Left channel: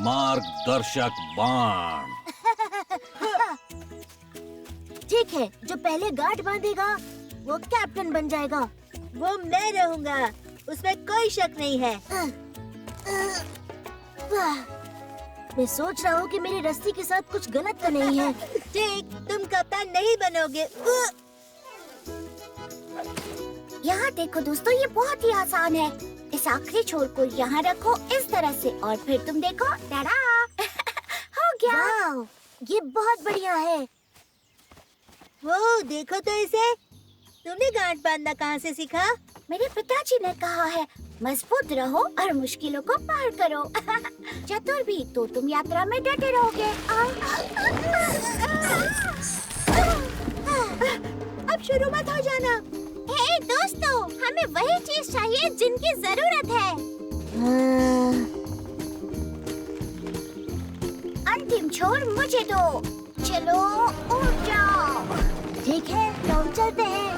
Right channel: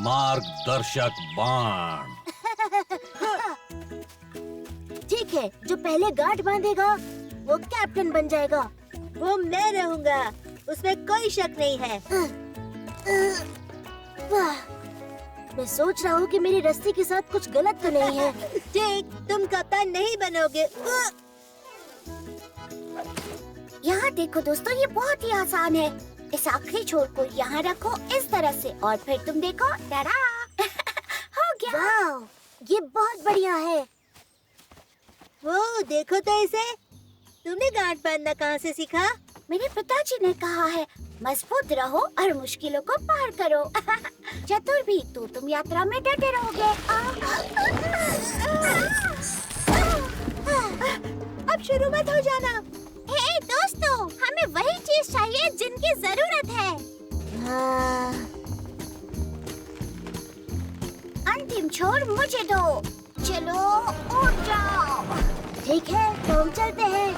मार्गदर्शक बाण। ठीक है, जो पहले गांठ बांधेगा वो कैप्टन बन जाएगा। वो मैं रहूंगा, उसमें कोई शक नहीं है। वाह, मैं सोच रहा हूँ कि मेरी रस्सी के साथ कुछ गलत तो नहीं है। ठीक, तुम कप्तान नहीं बनोगे। यहाँ देखो दोस्तों, ये बहुत ही आसान है। इस आखिरी छोर को यहाँ रखो इस तरह से और फिर तुम देखो, टाडा! हो गया। वाव, ये बहुत बढ़िया है। वो देखो तो इसे। तुमने गांठ बांधना कहाँ से सीखा? मेरे पिताजी ने कहा है, मजबूत रहो और मुश्किलों को पार करो। चतुर भी तो तुम यात्रा में डटे रहोगे। अब शुरू मत हो जाना। हे दोस्तों, हमें वही चीज चाहिए जिनकी जरूरत है। अंतिम छोर मुझे दो। चलो उठ जाओ। ठीक है, तो हम चलते हैं।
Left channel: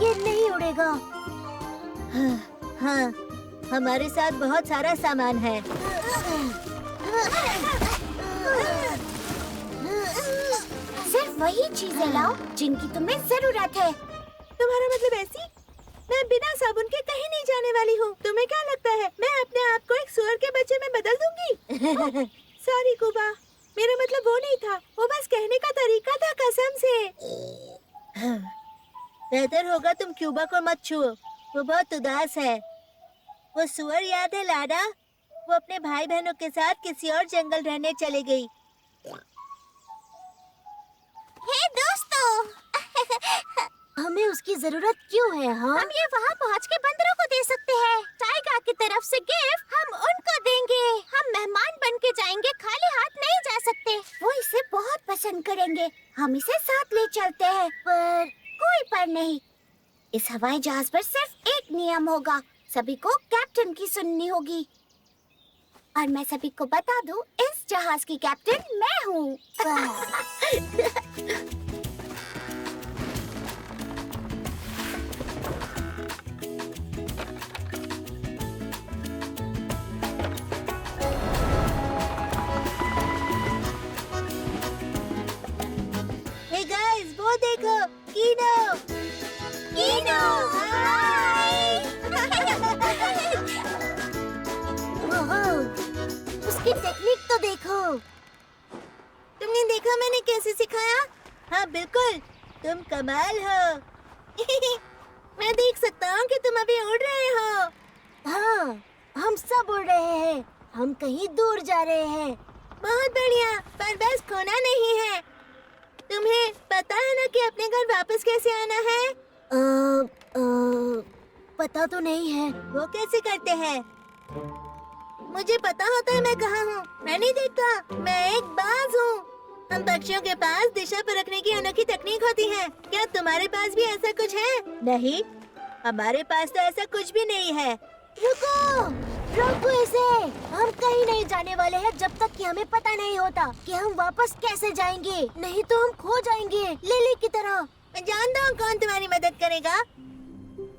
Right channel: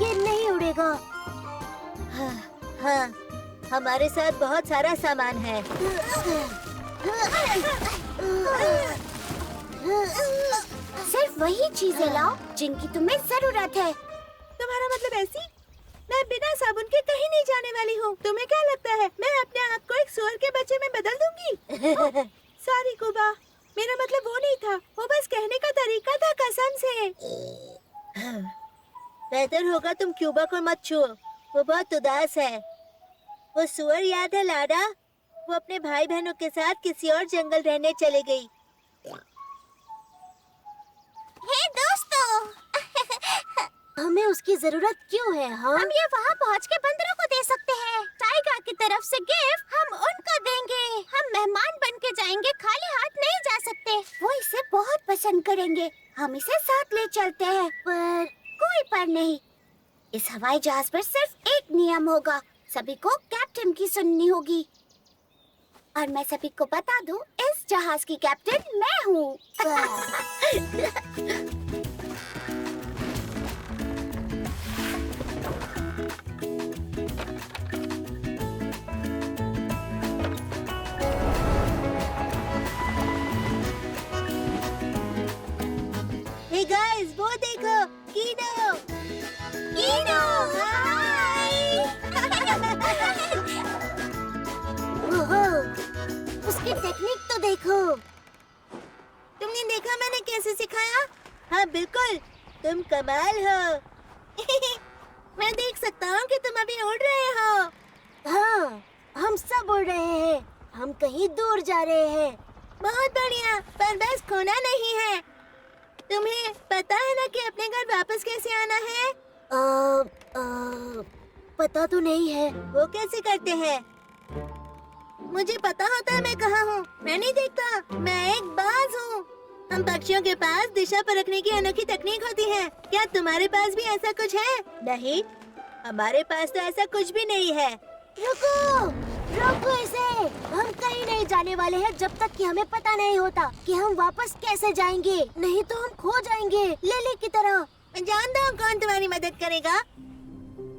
ये नहीं उड़ेगा। हाँ, हमारे साथ बहुत सारा सामान है। सिर्फ वही चीजें लाओ जिनकी तुम्हें जरूरत है। तुम्हारा मतलब ऐसी? मैं बिना साबुन के कहीं नहीं जाने वाली हूँ। तुम्हें क्या लगता है मैं अपने आप को एक सुअर के बच्चे में बदल दूंगी? सॉरी कुबा, मेरा मतलब वो नहीं था। वो बस कहने का तरीका था, कसम से। बेहतर होगा तुम क्यूबा को मत छुओ, वो बहुत उदास है। वो सुअर याद है लाडा? वो अपने भाई बहनों के साथ किसी और जंगल रहने चले गई। हे दोस्तों, हमें उसकी जरूरत क्यों है? हाँ, हम ये वहाँ पहुँच के बंदरों को दे सकते हैं। टाइगर की तरफ से गिफ्ट हम उनको देंगे। हम मेहमान बन के जाएंगे, खाली हाथ नहीं जा सकते। वो इसे बहुत पसंद करेंगे। हम इसे साथ ले चलते हैं। पर कोई पर नहीं। इस हवाई जहाज पर सिर्फ एक नियम होगा, सभी को कैप्टन की सुननी होगी। और मैं सभी को बता दूं, इस जहाज की कैप्टन मैं हूँ। हे गाइस, वो देखो, कीनो। कीनो, हाय! उसकी टेक्निक तो देखो। तुमने देखा मैंने कैसे सिखाया? हाँ बिल्कुल, तुम कमाल हो। मैं देख सकता हूँ कि तुम अभी उड़ रहे हो। हाँ, हम सब उड़ रहे हैं। हम कहीं दूर जा रहे हैं। बहुत बढ़िया, पर बस खोना नहीं है। तुम्हें पता है ना कि अपने घर वापस कैसे आना है? पता तो नहीं है। वो कैसे करते हैं? मुझे पता होता है मैं कहाँ हूँ। मैं नहीं देखता, मैं एक बाज हूँ। हम पक्षियों के पास दिशा परखने की अनोखी तकनीक होती है। क्या तुम्हारे पास भी ऐसा कुछ है? नहीं, हमारे पास तो ऐसा कुछ भी नहीं है। रुको, रोको इसे। हम कहीं नहीं जाने वाले हैं जब तक कि हमें पता नहीं होता कि हम वापस कैसे जाएंगे। नहीं तो हम खो जाएंगे, लिली की तरह। मैं जानता हूँ कौन तुम्हारी मदद करेगा।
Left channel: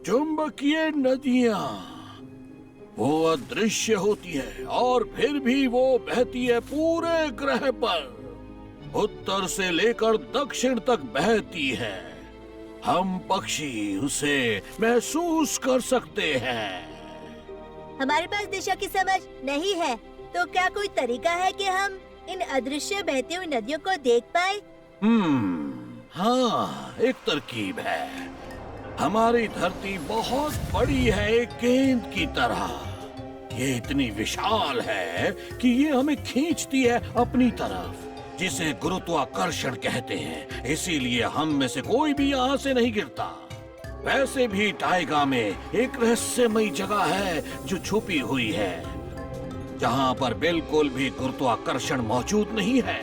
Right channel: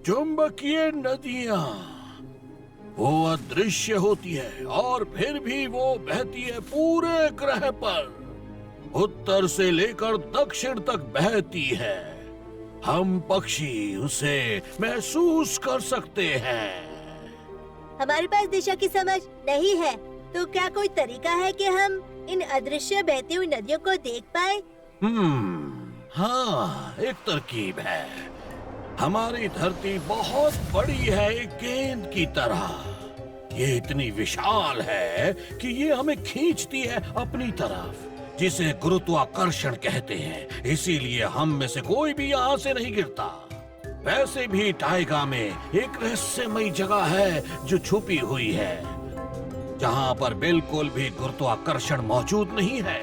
चुंबकीय नदियाँ, वो अदृश्य होती है और फिर भी वो बहती है पूरे ग्रह पर। उत्तर से लेकर दक्षिण तक बहती है। हम पक्षी उसे महसूस कर सकते हैं। हमारे पास दिशा की समझ नहीं है, तो क्या कोई तरीका है कि हम इन अदृश्य बहती हुई नदियों को देख पाए? हाँ, एक तरकीब है। हमारी धरती बहुत बड़ी है, एक गेंद की तरह। ये इतनी विशाल है कि ये हमें खींचती है अपनी तरफ, जिसे गुरुत्वाकर्षण कहते हैं। इसीलिए हम में से कोई भी यहाँ से नहीं गिरता। वैसे भी टाइगा में एक रहस्यमयी जगह है जो छुपी हुई है, जहाँ पर बिल्कुल भी गुरुत्वाकर्षण मौजूद नहीं है।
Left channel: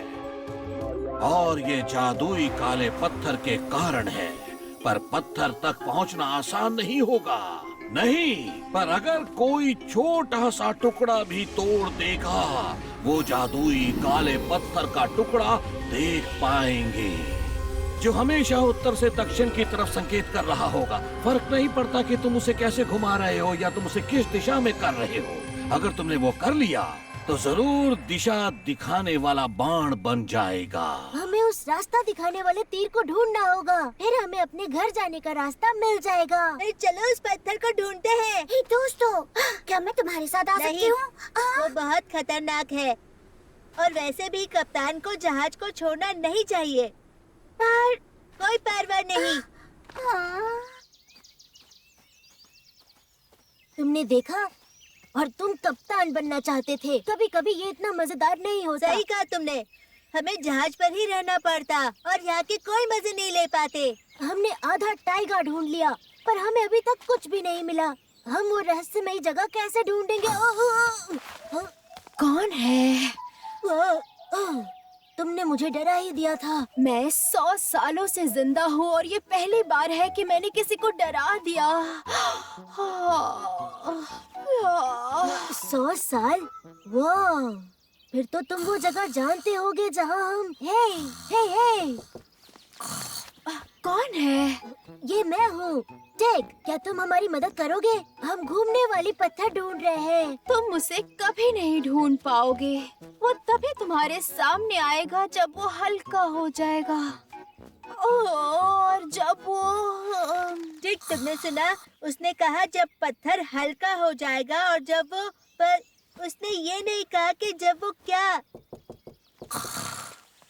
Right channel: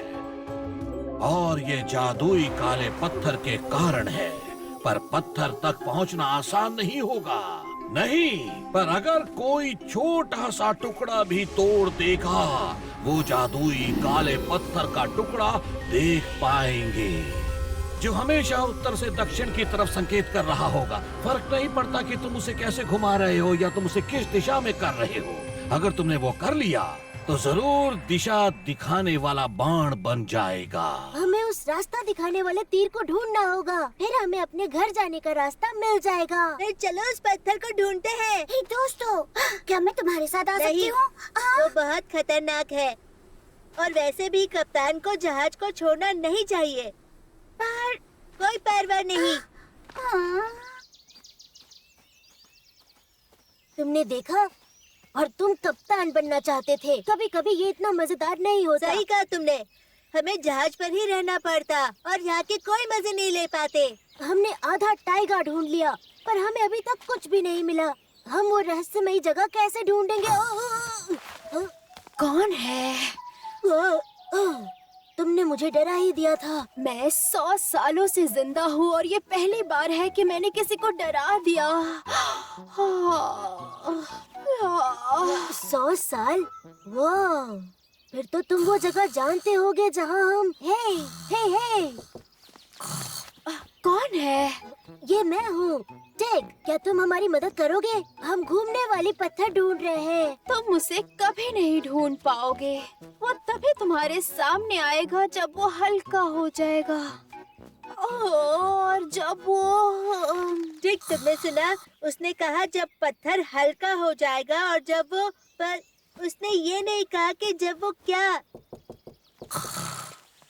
और ये जादुई काले पत्थर के कारण है। पर पत्थर तक पहुंचना आसान नहीं होगा। नहीं, पर अगर कोई छोटा सा टुकड़ा भी तोड़ देगा, वो जादुई काले पत्थर का टुकड़ा देख पाएंगे। जो हमेशा उत्तर से दक्षिण की तरफ संकेत कर रहा होगा। फर्क नहीं पड़ता कि तुम उसे कैसे घुमा रहे हो या तुम उसे किस दिशा में कर रहे हो। अगर तुमने वो कर लिया तो जरूर दिशा दिखाने वाला बाण बन जाएगा। हमें उस रास्ता दिखाने वाले तीर को ढूंढना होगा, फिर हमें अपने घर जाने का रास्ता मिल जाएगा। फिर चलो उस पत्थर को ढूंढते हैं। हे दोस्तों, क्या मैं तुम्हारे साथ आ सकती नहीं, हूँ? वो बहुत खतरनाक है और वैसे भी कप्तान को जहाज को छोड़ना नहीं चाहिए। पर कोई परवाह नहीं। तुमने देखा, और तुम कप्तान बनना चाहते थे। कभी कभी ये इतना मजेदार नहीं होता। सही कहा तुमने, हमें जहाज पर ही रहना पड़ता और यहाँ के कोई मजे नहीं ले पाते। हमने आधा टाइगा ढूंढ लिया, पर हमें अभी तक कुछ भी नहीं मिला। हम वो रहस्यमयी जगह कैसे ढूंढेंगे? कौन है? तुमने मुझे डरा ही दिया था। मैं 100 सालों से जिंदा हूँ और ये पहली बार है कि मैंने किसी को डरा दिया। 100 साल? वाह! फिर तो तुम वो जगह जानते होगे जहाँ हम। हे! कौन है? ये मैं हूँ, टेक। क्या तुम हमारी मदद करोगे? हम घूमने वाली पत्थर ढूंढ रहे हैं। तुम उसे कभी नहीं ढूंढ पाओगे। वो तभी तुम्हारे सामने आएगा जब वो हल्का हो जाएगा। और जब वो ठीक तुमने सुना, उसने कहा जब पत्थर हल्का हो जाएगा और जब वो, पर उसने ये नहीं कहा कि जब वो क्या।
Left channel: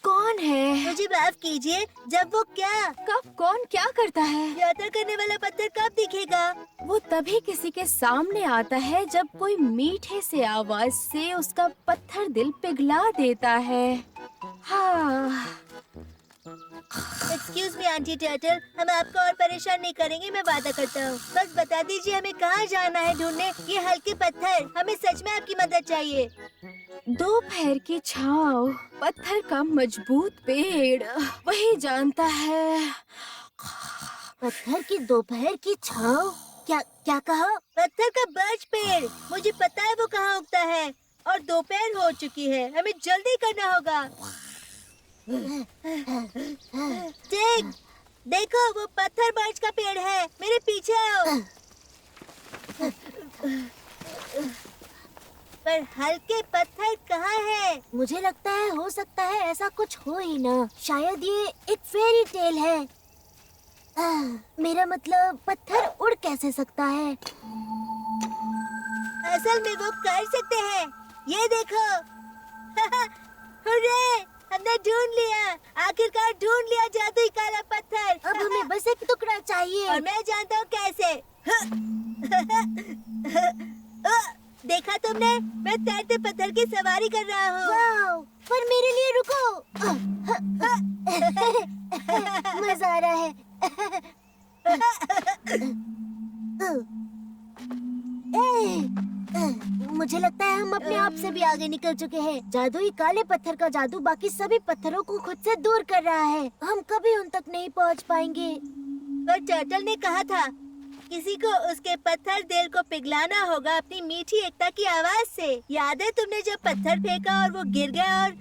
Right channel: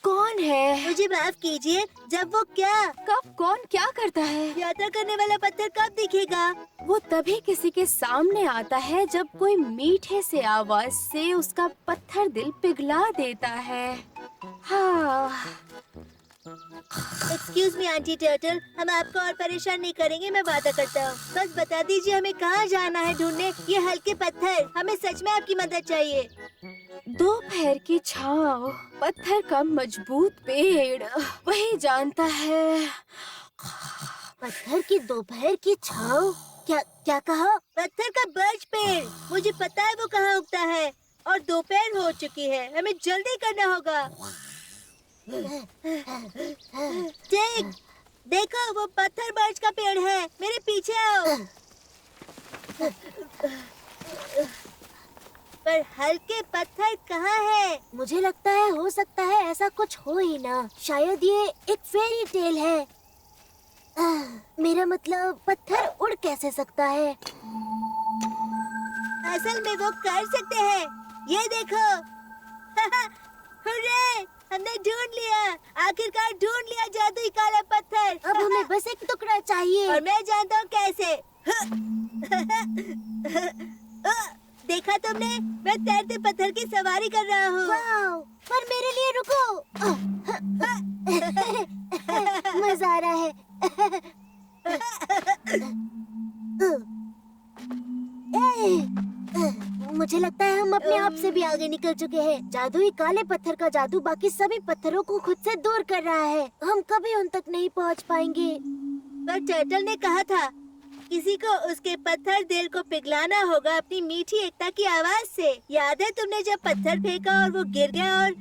कौन है? मुझे माफ कीजिए, जब वो क्या। कब कौन क्या करता है? यात्रा करने वाला पत्थर कब दिखेगा? वो तभी किसी के सामने आता है जब कोई मीठे से आवाज से उसका पत्थर दिल पिघला देता है। हाँ। एक्सक्यूज मी आंटी टर्टल, हम आपको और परेशान नहीं करेंगे, मैं वादा करता हूँ। बस बता दीजिए हमें कहाँ जाना है ढूंढने ये हल्के पत्थर। हमें सच में आपकी मदद चाहिए। दोपहर की छाँव, पत्थर का मजबूत पेड़, वही जानता है। पत्थर की दोपहर की छाँव? क्या कहा? पत्थर का बर्च पेड़, मुझे पता है वो कहाँ उगता है और दोपहर हो चुकी है, हमें जल्दी करना होगा। टेक, देखो वो पत्थर बर्च का पेड़ है, मेरे पीछे आओ। पर हल्के पत्थर कहाँ है? मुझे लगता है हो सकता है ऐसा कुछ हो ही ना। शायद ये एक फेरी टेल है। मेरा मतलब पत्थर उड़ कैसे सकता है? असल में वो कर सकते हैं, ये देखो। हुर्रे, हमने ढूंढ लिया, आखिरकार ढूंढ लिया जादुई काला पत्थर। अब हमें बस एक टुकड़ा चाहिए। और मैं जानता हूँ कैसे। देखा तुमने, मैं तैरते पत्थर की सवारी कर रहा हूँ। वाव! पर मेरे लिए रुको। मजा आ रहा है। मुझे लगता है हम अपने आप से भी आगे निकल चुके हैं। जादुई काले पत्थर का जादू बाकी सभी पत्थरों को खुद से दूर कर रहा है। हम कभी उन तक नहीं पहुंच पाएंगे। पर टर्टल ने कहा था किसी को उसके पत्थर दिल को पिघलाना होगा अपनी मीठी एकता की आवाज से। याद है तुमने जब पत्थर फेंका और वो गिर गया और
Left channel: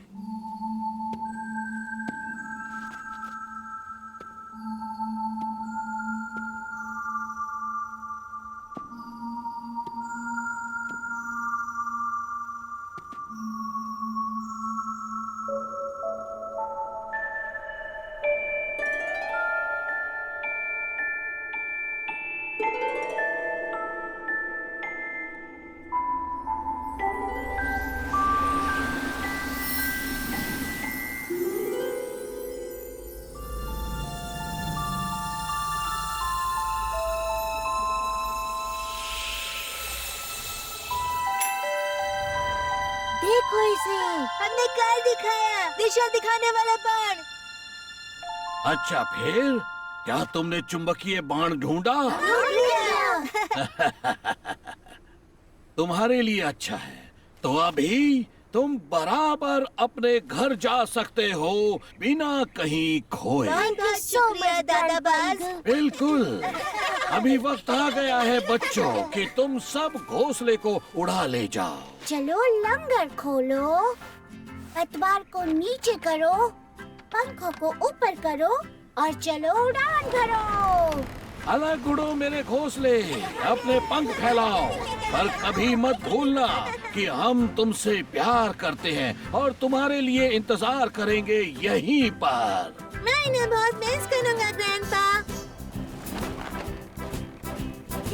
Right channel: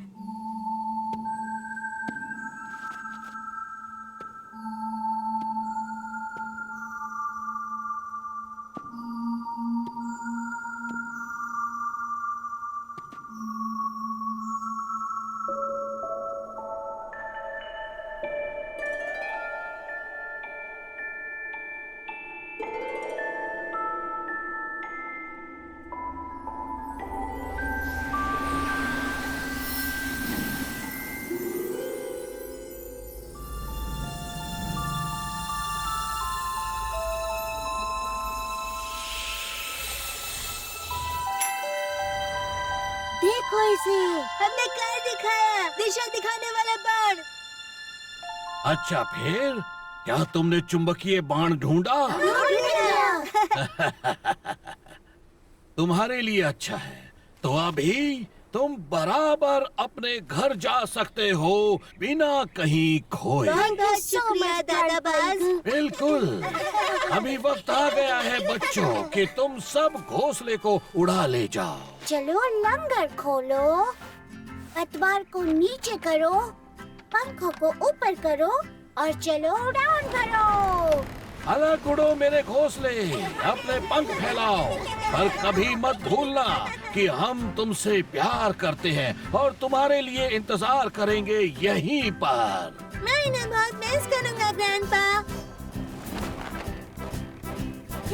देखो इसे। हमने कर दिखाया, दिशा दिखाने वाला बाण। अच्छा, फिर क्या तुमने चुंबकीय बाण ढूंढा? तुम्हारे लिए अच्छा है, तो अभी तुम बराबर अपने घर जा सकते हो बिना कहीं खोए। बहुत बहुत शुक्रिया दादा बाज। बिल्कुल। अभी वक्त आ गया है बच्चों कि तुम सब घोंसले को उड़ा ले जाओ। चलो लंगर खोलो, पतवार को नीचे करो, पंखों को ऊपर करो और चलो उड़ान भरो। अलग उड़ो मेरे घोंसले, अपने पंख फैलाओ, पर कभी मत भूलना कि हम तुमसे प्यार करते हैं और तुम्हारे लिए इंतजार करेंगे यहीं पर। मैं इन्हें बहुत मिस करूंगा ग्रैंडपा।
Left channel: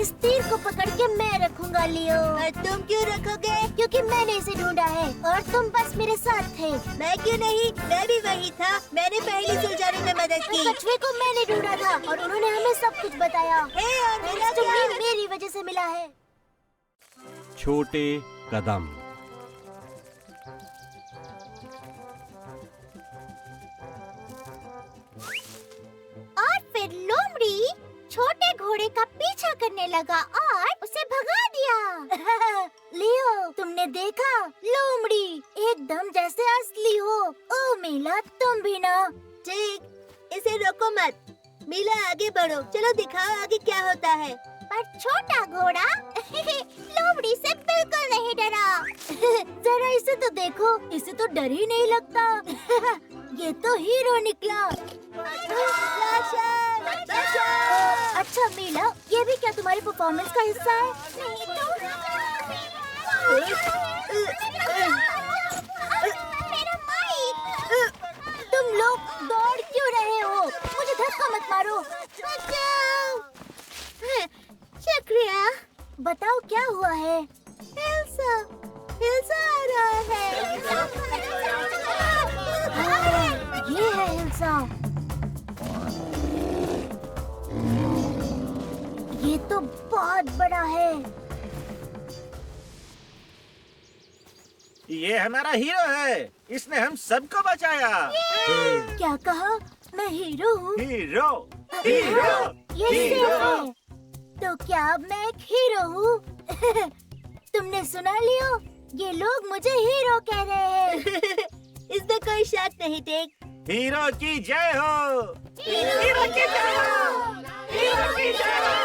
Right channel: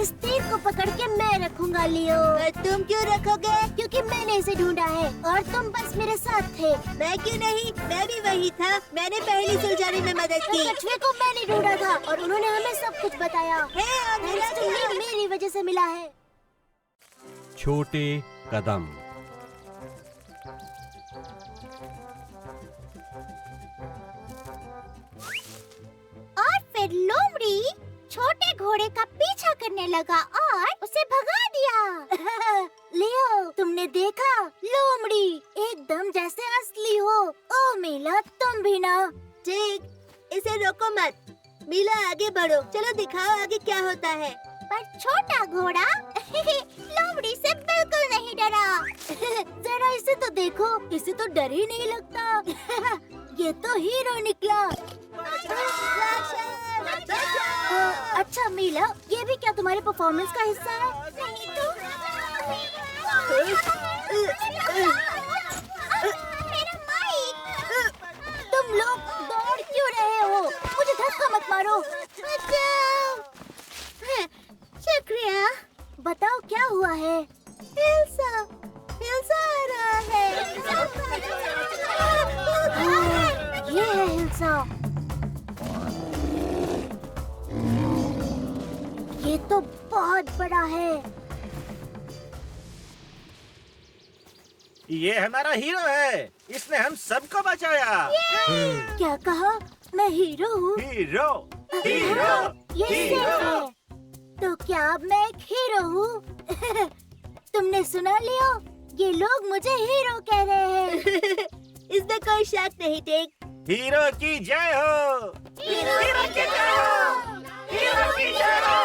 इस तीर को पकड़ के मैं रखूंगा लियो। और तुम क्यों रखोगे? क्योंकि मैंने इसे ढूंढा है और तुम बस मेरे साथ थे। मैं क्यों नहीं? मैं भी वही था। मैंने पहली सुलझाने में मदद उस की। कछुए को मैंने ढूंढा था और उन्होंने हमें सब कुछ बताया। हे, और मिला क्या? तुम्हें मेरी वजह से मिला है। छोटे कदम। और फिर लोमड़ी छोटे घोड़े का पीछा करने लगा और उसे भगा दिया। लियो, तुमने देखा? लोमड़ी एकदम जैसे असली हो। ओ मीला, तुम भी ना। ठीक, इसे रोको मत। मीला आगे बढ़ो, चलो दिखाओ आगे क्या होता है। पर छोटा घोड़ा लोमड़ी से बिल्कुल नहीं डरा। जरा इसे तो देखो, इसे तो डर ही नहीं लगता। ये तो हीरो निकला। अच्छा मीला, ये भी क्या तुम्हारे परफॉर्मेंस का हिस्सा है? नहीं तो। मेरा माइक। तुम लोग दौड़ क्यों रहे हो? मुझे धक्का मत मारो। शुक्रिया। बताओ क्या हुआ है? हिल्सा, हिल्सा आ रहा है। ये है हिल्सा। ये तो बहुत बड़ा है। ये हमारा हीरो है, इसने हम सबको बचाया। क्या कहा? मैं हीरो हूँ? हीरो, ये सेफ है। तो क्या अब मैं एक हीरो हूँ? तुमने सुना लियो? ये लोग मुझे हीरो कह रहे हैं। इसमें कोई शक नहीं। टेक। हीरो की जय हो। हीरो की जय हो। हीरो की जय हो।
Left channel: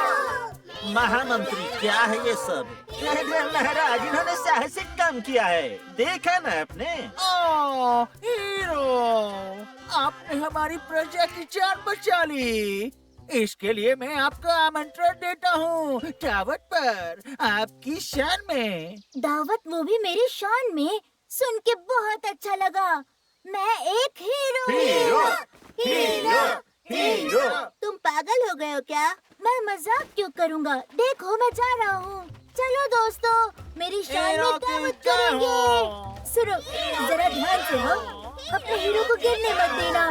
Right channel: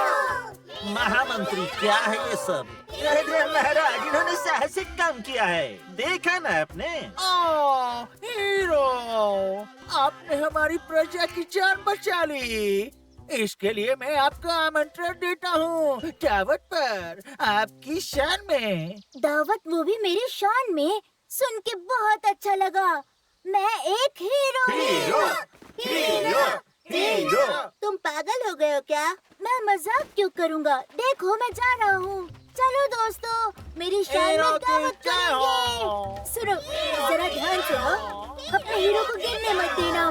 महामंत्री, क्या है ये सब? महाराज, इन्होंने साहसिक काम किया है, देखा ना आपने? ओ, हीरो, आपने हमारी प्रजा की जान बचा ली। इसके लिए मैं आपको आमंत्रण देता हूँ दावत पर, आपकी शान में। दावत, वो भी मेरी शान में? सुन के बहुत अच्छा लगा। मैं एक हीरो हूँ। हीरो। तुम पागल हो गए हो क्या? मैं मजाक क्यों करूँगा? देखो, मैं जा रहा हूँ। चलो दोस्तों, मेरी शान हीरो में की दावत जय करेंगे। हो। सुनो, जरा ध्यान से हो। अपने हीरो को गिरने मत देना।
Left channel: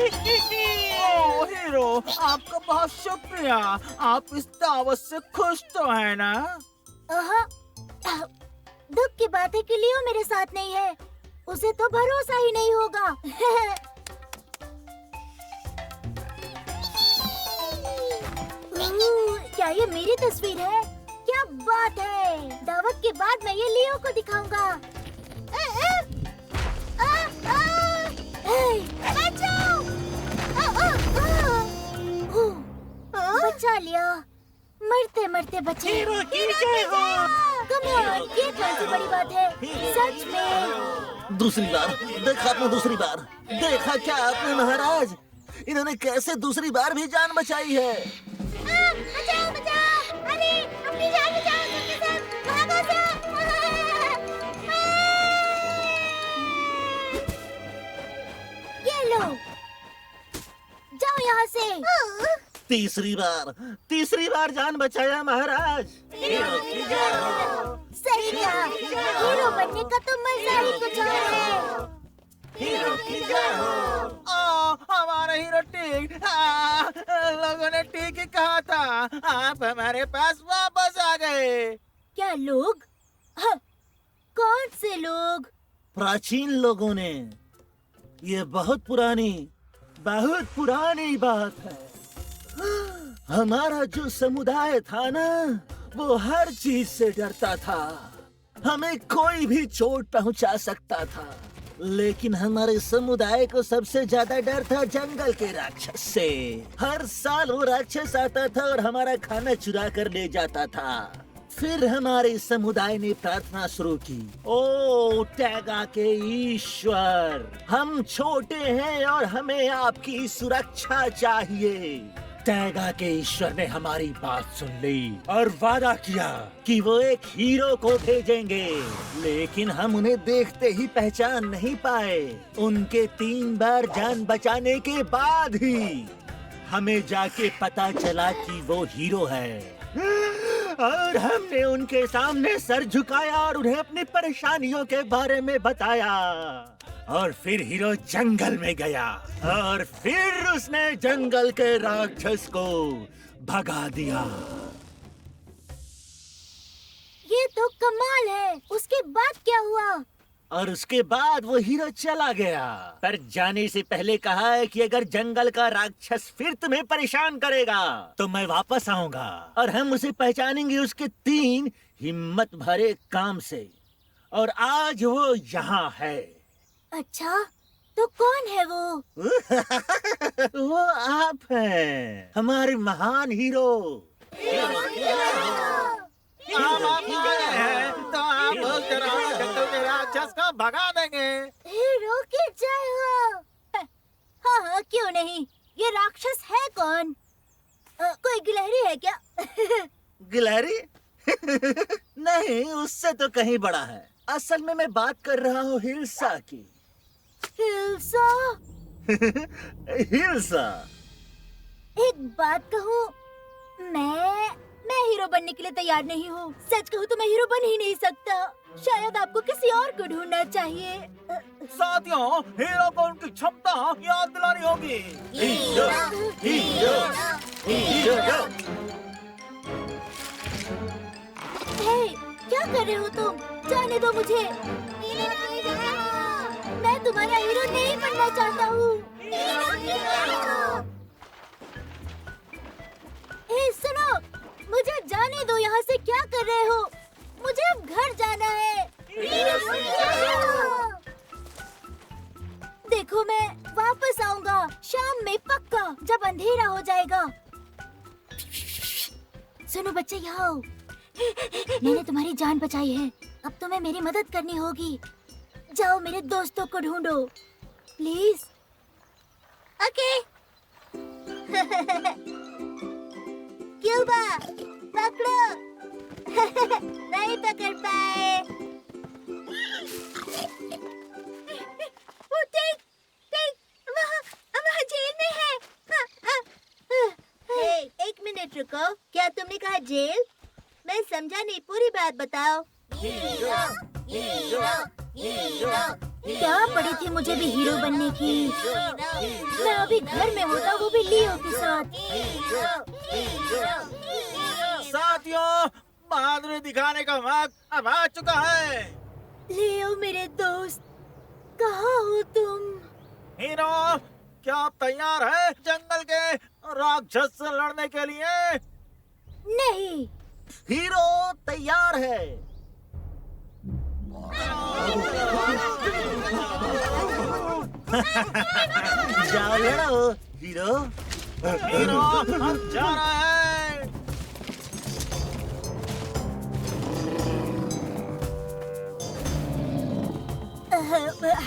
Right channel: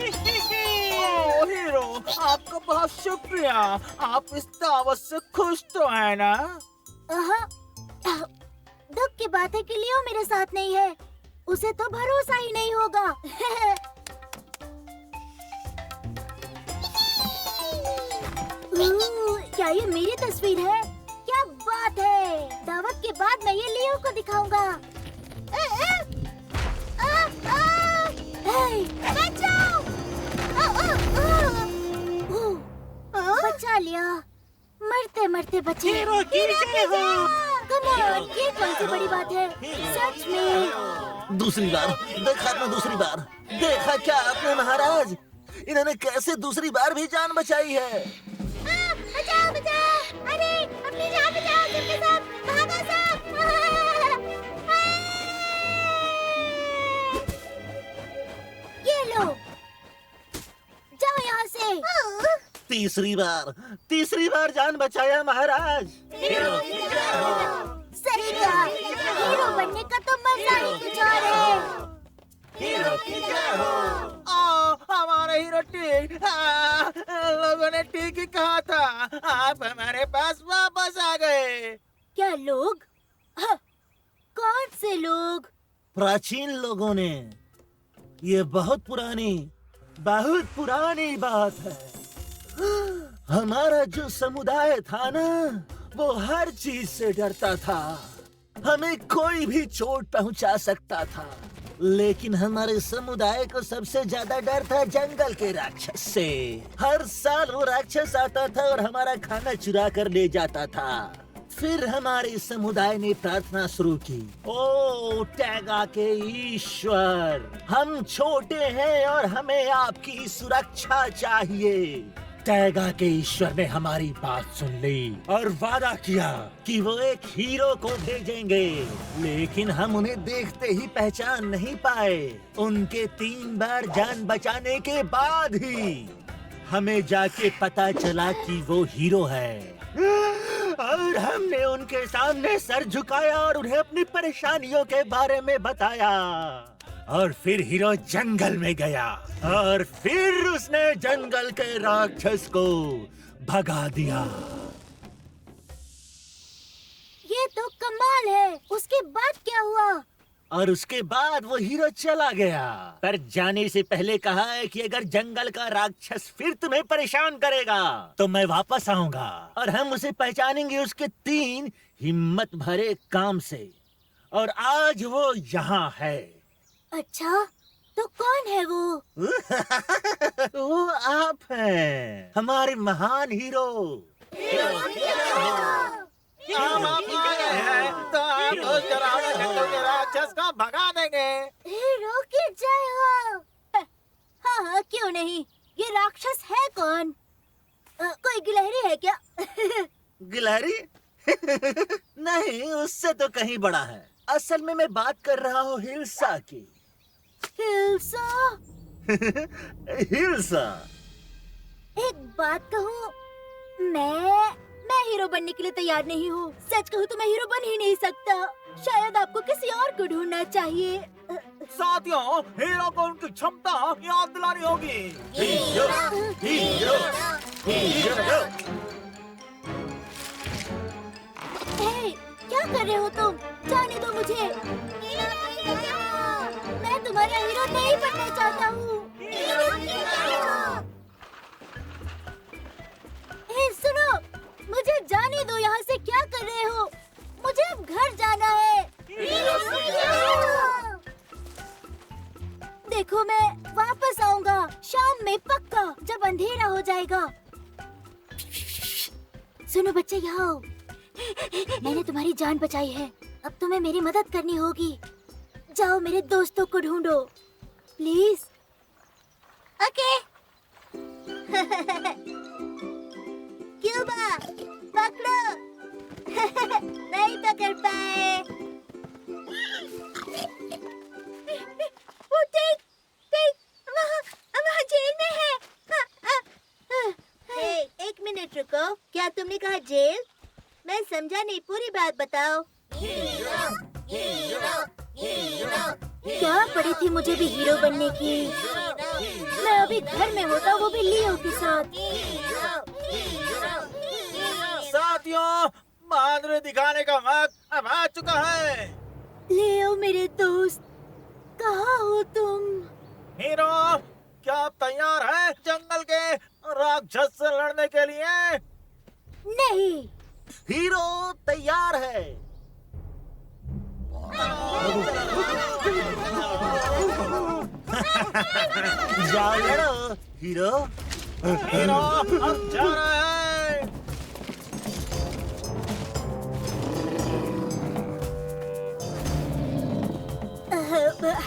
ओ हीरो, आपका बहुत शुक्रिया। आप इस दावत से खुश तो है ना? दुख की बात है कि लियो मेरे साथ नहीं है। उसे तो भरोसा ही नहीं होगा। क्या ये मेरी तस्वीर है? क्या बात है! दावत के बाद मैं ये लियो को दिखाऊंगा। बचाओ! बचा लिया। मरते मरते बचे। हीरो की जय हो। कम ऑन, ये कौन सी बड़ी बात है? सच में। दूसरी बार देखा आपने, दूसरी बार देखा क्या आपने महाराज? इन्होंने कैसे दूसरी बार भी जान बचाई है। बचाओ बचाओ! अरे अपनी जान बचाओ! सबके सब भागो सब! ये लो, जाओ यहाँ से। तीसरी बार जान बचाया महाराज। सही कहा। हीरो बनने का तो मजा ही कुछ और है। हीरो की जय हो। ओ, हमारा हीरो ठीक। लोगों ने ठीक ही कहा था। आप हमारे पास वापस आ गए। क्या लोग? कौन से लोग? प्राचीन लोगों ने। ये बहुत पुरानी बात है। हमारा जो समुदाय था ना, वो हर चीज से डरता था। हमें कोई भी चोट पहुंचा सकता था, लेकिन हमारे समुदाय को सबसे ज्यादा डर था जंगल के राक्षस से। हर साल वो राक्षस आता था और हमारा खाना चुरा कर ले जाता था। फिर हमारे समुदाय ने प्रार्थना शुरू की, ओ टैगा के ईश्वर, हम छोटे हैं और हमें आपकी सुरक्षा चाहिए। टैगा के ईश्वर ने हमारी बात सुन ली और वादा किया कि वो एक हीरो को भेजेंगे, लेकिन हम उन्हें देखते ही पहचान नहीं पाए। उनके 3 बार जान बचाने के बाद ही हमें जाके पता चला कि वो हीरो है, और हमने उनके सामने सर झुकाया और उन्हें अपनी परेशानियों के बारे में बताया। और फिर हीरो जंगल में गया और फिर उसने जंगल के राक्षस को भगा दिया। ये तो कमाल है। उसके बाद क्या हुआ? और उसके बाद वो हीरो चला गया, पर जाने से पहले कहा है कि अगर जंगल का राक्षस फिर तुम्हें परेशान करेगा तो मैं वापस आऊंगा और हम उसे पहचानेंगे उसके 3 हिम्मत भरे काम से। और आज वो यहाँ है। अच्छा, तो कौन है वो? वो आप हैं, हमारे महान हीरो। हम आप आ गए हैं तो आप उस डरावने जंगल के राक्षस को भगा देंगे। हीरो की जय हो। हाँ हाँ, क्यों नहीं। ये राक्षस है कौन? कोई गिलहरी है क्या? गिलहरी? नहीं, उससे तो कहीं बड़ा है। असल में मैं बात कर रहा हूँ हिल्सा की। हिल्सा? हिल्सा। एक बात कहूँ, मैं हीरो बनने के लिए तैयार नहीं हूँ। सच कहूँ तो मैं हीरो बन ही नहीं सकता। शायद आपको किसी और को ढूंढना चाहिए। साथियों, हीरो को उनकी क्षमता याद दिलानी होगी। Hero, hero, hero. हे, क्या कर रहे हो तुम? जाने दो मुझे। मैं तुम्हारा हीरो नहीं बनना चाहता हूँ। हे सुनो, मुझे जाने दो। यहाँ से क्या कर रहे हो? मुझे अब घर जाना है। देखो, मैं वापस आऊंगा शाम में पक्का, जब अंधेरा हो जाएगा। सुनो बच्चे, यहाँ आओ। मैंने तुम्हारी जान बचाई है, अब तुम्हें मेरी मदद करनी होगी। जाओ मेरे दोस्तों को ढूंढो, प्लीज। ओके। क्यूबा, पकड़ो। नहीं पकड़ पाए। वो टिक, वहाँ जेल में है। हे, एक मिनट रुको। क्या तुमने कहा जेल? मैं समझा नहीं, पूरी बात बताओ। क्या पड़ी थी मुझे भी हीरो बनने की? मैं अभी घर में होता, वो भी लियो के साथ। साथियों, बहादुरी दिखाने का वक्त अब आ चुका है। लियो मेरे दोस्त, कहाँ हो तुम? हीरो, क्या आप तैयार हैं जंगल के राक्षस से लड़ने के लिए? नहीं। हीरो तैयार है। जाओ लड़ो हीरो। हीरो, हम जा रहे हैं।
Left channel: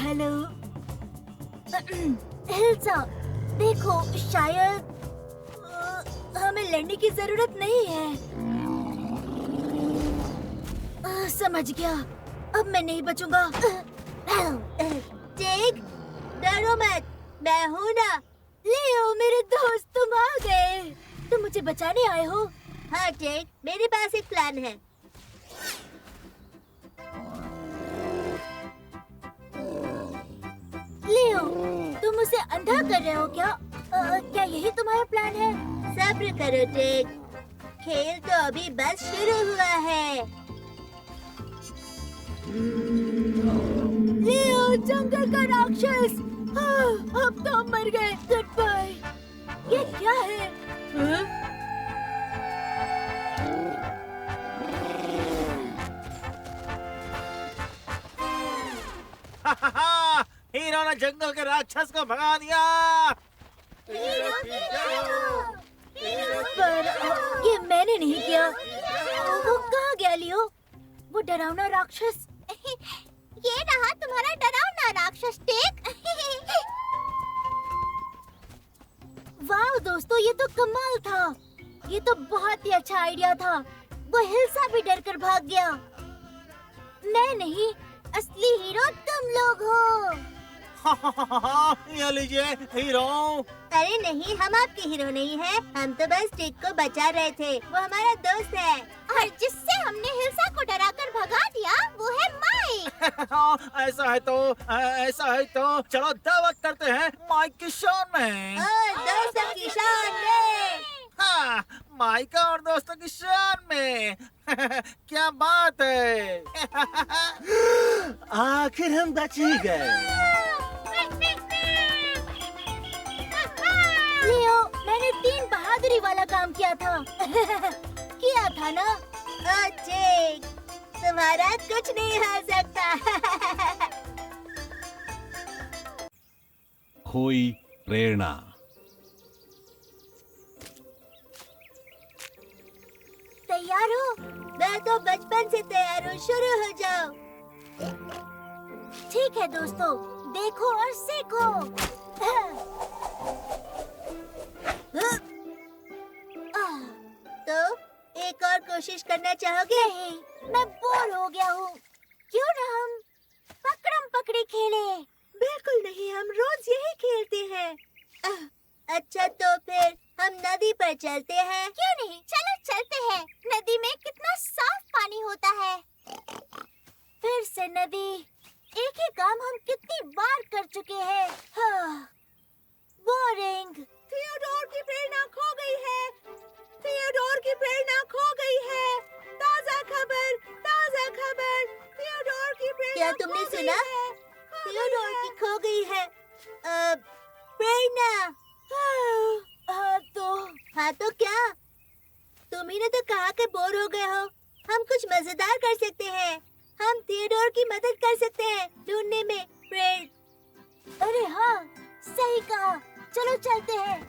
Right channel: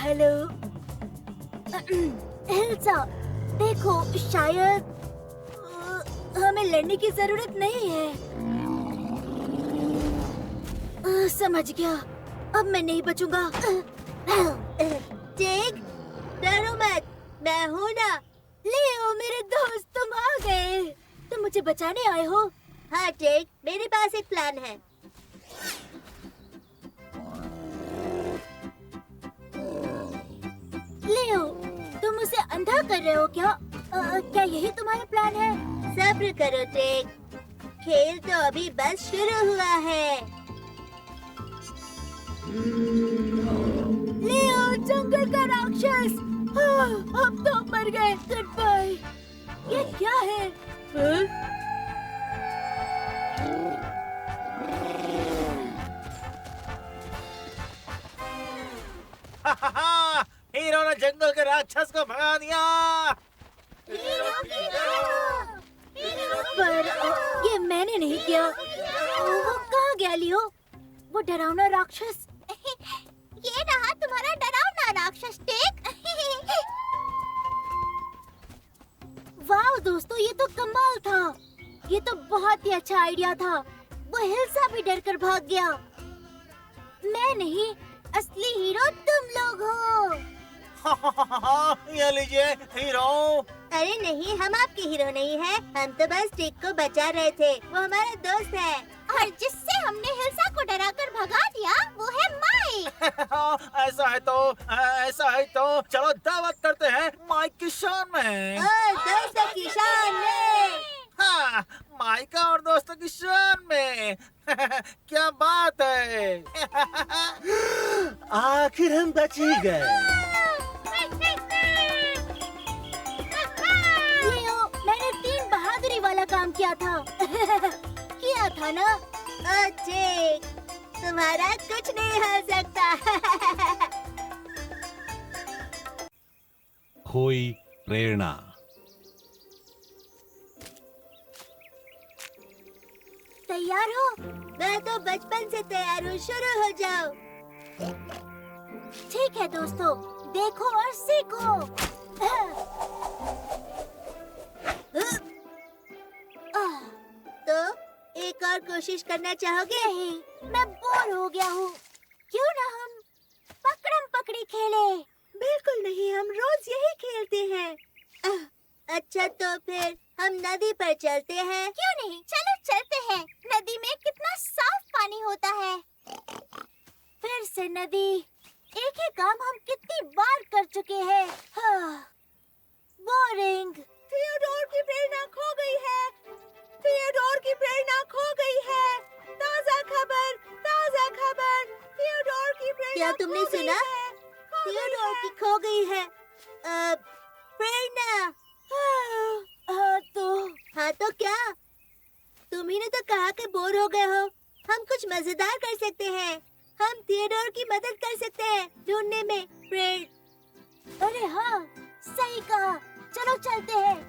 हेलो हिल्सा, देखो शायद हमें लड़ने की जरूरत नहीं है। समझ गया, अब मैं नहीं बचूंगा। जेक, डरो मत, मैं हूँ ना। लियो मेरे दोस्त, तुम आ गए। तुम मुझे बचाने आए हो? हाँ जेक, मेरे पास एक प्लान है। लियो, तुम उसे अंधा कर रहे हो क्या? क्या यही तुम्हारा प्लान है? सब्र करो जेक, खेल तो अभी बस शुरू हुआ है। लियो, जंगल का राक्षस। अब तो हम मर गए। Goodbye. ये क्या है? हीरो ने जंगल के राक्षस को भगा दिया। पर ये मैंने नहीं किया। वो कहाँ है लियो? वो डरावना राक्षस। ये रहा तुम्हारा डरावना राक्षस टेक। वाह दोस्तों, ये तो कमाल था। ये तो बहुत ही अच्छा आइडिया था। वो हिल्सा भी डर कर भाग गया। मैं नहीं, असली हीरो तुम लोग हो। ये लीजिए हीरो। अरे नहीं, हम आपके हीरो नहीं हैं। हम तो बस टिक को बचा रहे थे। वो हमारा दोस्त है। और जिससे हमने हिल्सा को डराकर भगा दिया वो है माइक। ऐसा है तो चलो दावत करते हैं माइक की शान में। और दोस्तों की शान में। हाँ, माइका और दोस्तों की शान में। क्या बात है। आखिर हम बच ही गए। लियो, मैंने 3 बहादुरी वाला काम किया था। किया था ना? टिक, तुम्हारा कुछ नहीं हो सकता। खोई प्रेरणा। तैयार हो? मैं तो बचपन से तैयार हूँ। शुरू हो जाओ। ठीक है दोस्तों, देखो और सीखो। तो एक और कोशिश करना चाहोगे? नहीं, मैं बोर हो गया हूँ। क्यों ना हम पकड़म पकड़ी खेले? बिल्कुल नहीं, हम रोज यही खेलते हैं। अच्छा तो फिर हम नदी पर चलते हैं। क्यों नहीं, चलो चलते हैं। नदी में कितना साफ पानी होता है। फिर से नदी। एक ही काम हम कितनी बार कर चुके हैं। बोरिंग। थियोडोर की प्रेरणा खो गई है। थियोडोर की प्रेरणा खो गई है। ताजा खबर, ताजा खबर। थियोडोर की प्रेरणा क्या तुमने सुना? थियोडोर की खो गई है प्रेरणा। हाँ तो क्या? तुम ही ने तो कहा कि बोर हो गए हो। हम कुछ मजेदार कर सकते हैं। हम थियोडोर की मदद कर सकते हैं ढूंढने में अरे हाँ, सही कहा। चलो चलते हैं।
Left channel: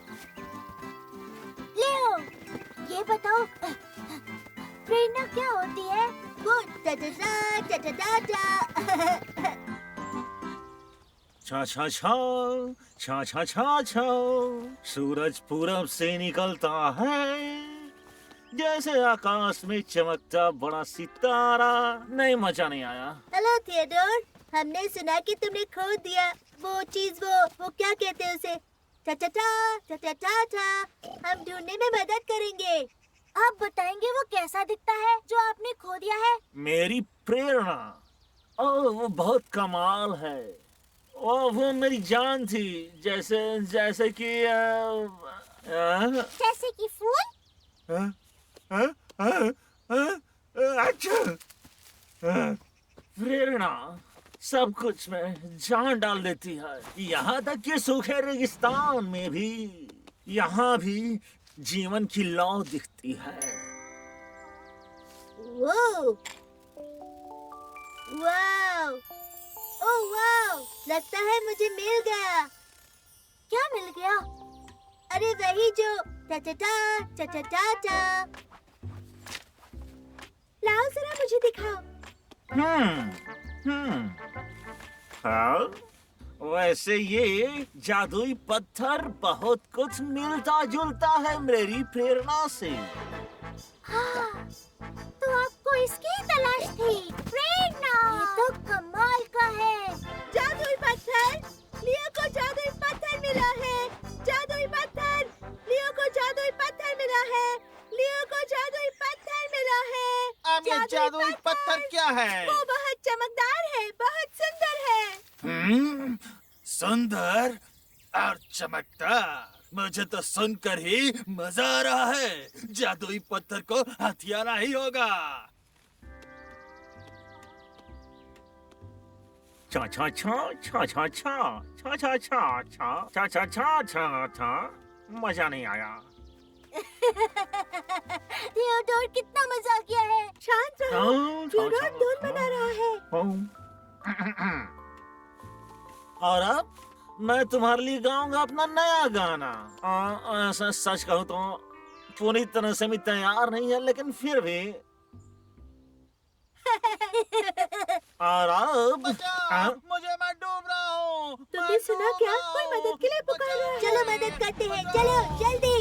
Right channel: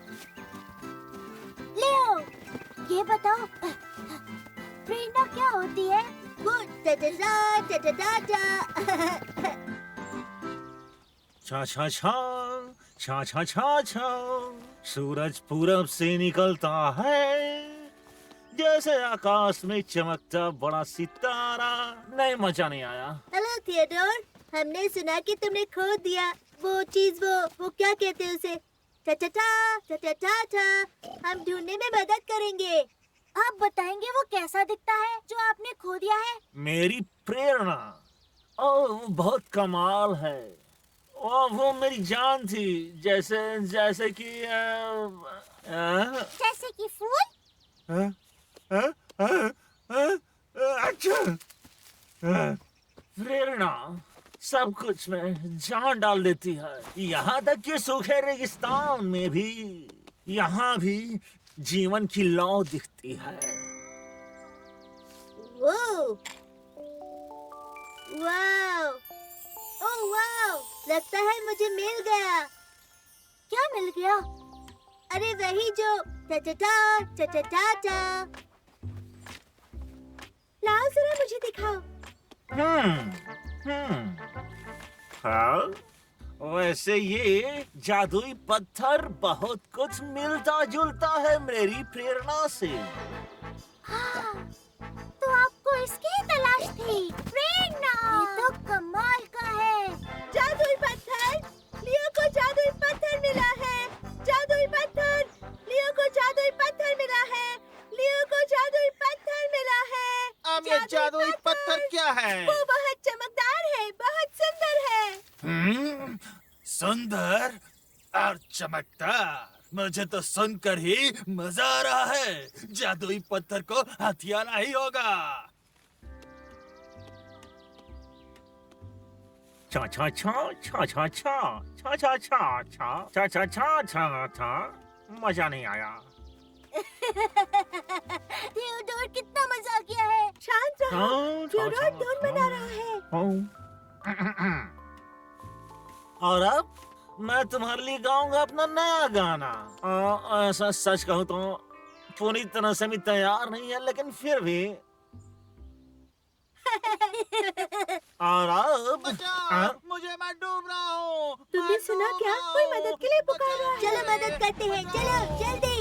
लियो, ये बताओ, प्रेरणा क्या होती है? वो टा टा टा टा टा। छा छा छा छा छा छा छा। सूरज पूरब से निकलता है जैसे आकाश में चमकता बड़ा सितारा। नहीं, मजा नहीं आया। हेलो थियोडोर, हमने सुना कि तुमने खो दिया वो चीज। वो क्या कहते हैं उसे? टा टा टा टा टा टा। हम ढूंढने में मदद करेंगे। आप बताएंगे वो कैसा दिखता है जो आपने खो दिया है? मेरी प्रेरणा, ओह वो बहुत कमाल है। वो मेरी जान थी। जैसे कि जैसे कि फूल? अच्छा। प्रेरणा सब कुछ में जान डाल देती है। यहाँ तक कि सूखे रेगिस्तान में भी। यहाँ भी जीवन की लौ दिखती है। वो वाओ, ओह वाओ, लगता है मुझे मिल गया। क्या मिल गया? अरे वही जो टा टा टा टा टा टा। लाओ जरा मुझे दिखाओ। हाँ, वैसे ये जादुई पत्थर बहुत कुछ मिलता जुलता है मेरी प्रेरणा से। हाँ, तो आपको इसकी तलाश थी। प्रेरणा, ये तो कमाल का है। जादुई पत्थर, लियो को जादुई पत्थर मिला है। जादुई पत्थर, लियो को जादुई पत्थर मिला है। लियो को जादुई पत्थर मिला है। अब ये जादुई पत्थर क्या है? वो बहुत चमकदार है, बहुत सुंदर है। सुंदर और चमकदार। मुझे तो सुनकर ही मजा आ रहा है। जादुई पत्थर को हथियाना ही होगा। छा छा छा छा छा छा छा छा छा छा छा छा छा छा छा। मजा नहीं आया। थियोडोर कितना मजा किया है। शांत रहो, थियोडोर धुन बना रहा है। और अब मैं तुम्हारे लिए गाऊंगा अपना नया गाना। ऐसा सच कहूँ तो पूरी तरह से भी तैयार नहीं है, लेकिन फिर भी और अब बचाओ, मुझे मैं डूब रहा हूँ। तुमने सुना क्या? कोई मदद के लिए पुकार रहा है। चलो मदद करते हैं, चलो जल्दी।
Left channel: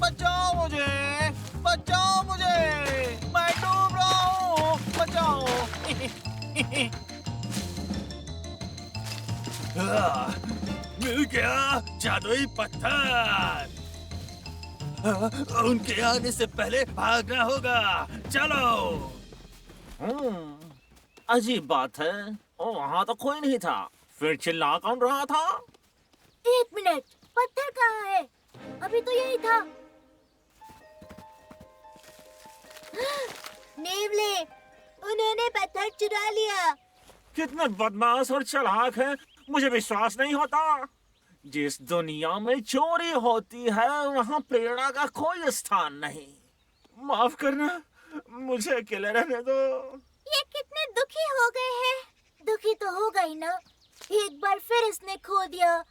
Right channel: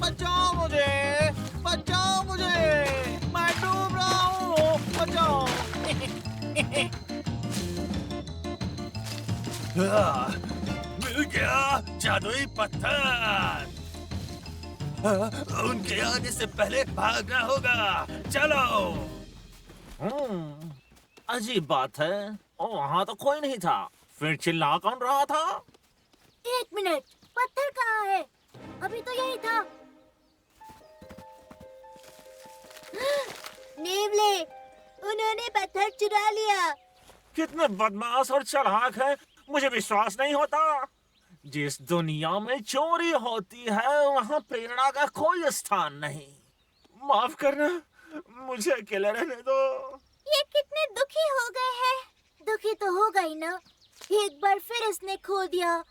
बचाओ मुझे, बचाओ मुझे, मैं डूब रहा हूँ, बचाओ। मिल गया जादुई पत्थर। उनके आने से पहले भागना होगा। चलो। अजीब बात है, वहाँ तो कोई नहीं था। फिर चिल्ला कौन रहा था? 1 मिनट, पत्थर कहाँ है? अभी तो यही था। नेवले, उन्होंने पत्थर चुरा लिया। कितने बदमाश और चालाक हैं, मुझे विश्वास नहीं होता। जिस दुनिया में चोरी होती है वहाँ प्रेरणा का कोई स्थान नहीं। माफ करना, मुझे अकेले रहने दो। ये कितने दुखी हो गए हैं। दुखी तो होगा ही ना। एक बार फिर इसने खो दिया।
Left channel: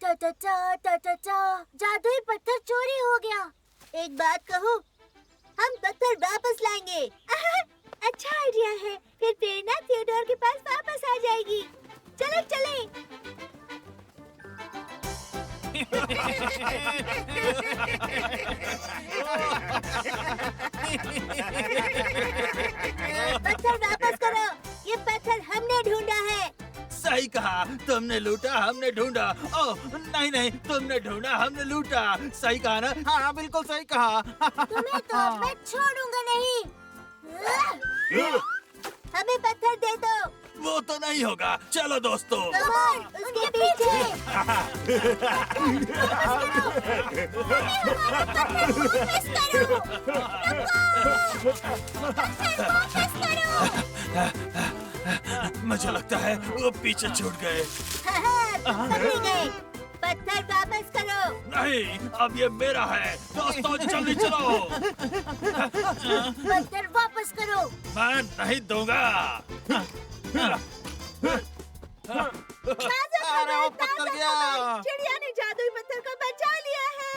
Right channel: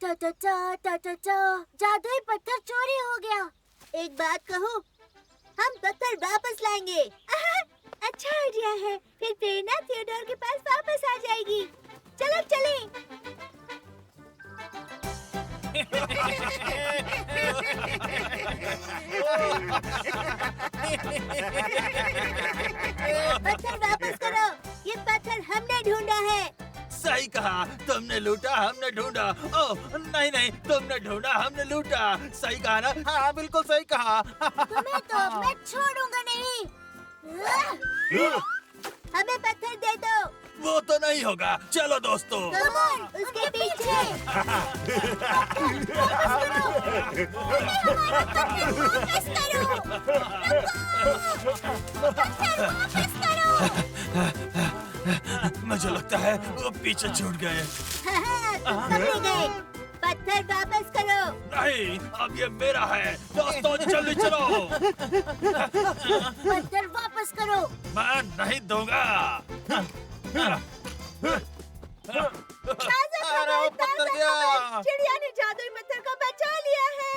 टा टा टा टा टा टा, जादुई पत्थर चोरी हो गया। एक बात कहूँ, हम पत्थर वापस लाएंगे। अच्छा आइडिया है। फिर प्रेरणा थियोडोर के पास वापस आ जाएगी। चलो चलें। पत्थर वापस करो। ये पत्थर हमने ढूंढा है। सही कहा, तुमने लूटा हमने ढूंढा। ओह नहीं नहीं, तुमने ढूंढा हमने लूटा। सही कहा ना? हाँ बिल्कुल सही कहा। तुम्हें तो मैं छोड़ूंगा नहीं। हमें पत्थर दे दो। वो तो नहीं होगा। चलो दोस्तों। कम ऑन, उसके पीछे। वापस करो। वापस करो। मुझे लगता है वो पीछे छूट गए। तुम पकड़े गए। पत्थर वापस करो। नहीं, अब ये मेरा है। दोस्तों जल्दी चलो। पत्थर वापस करो। मैं नहीं दूंगा। अरे वो पत्थर गया। चिड़िया ने जादुई पत्थर को बचा लिया है।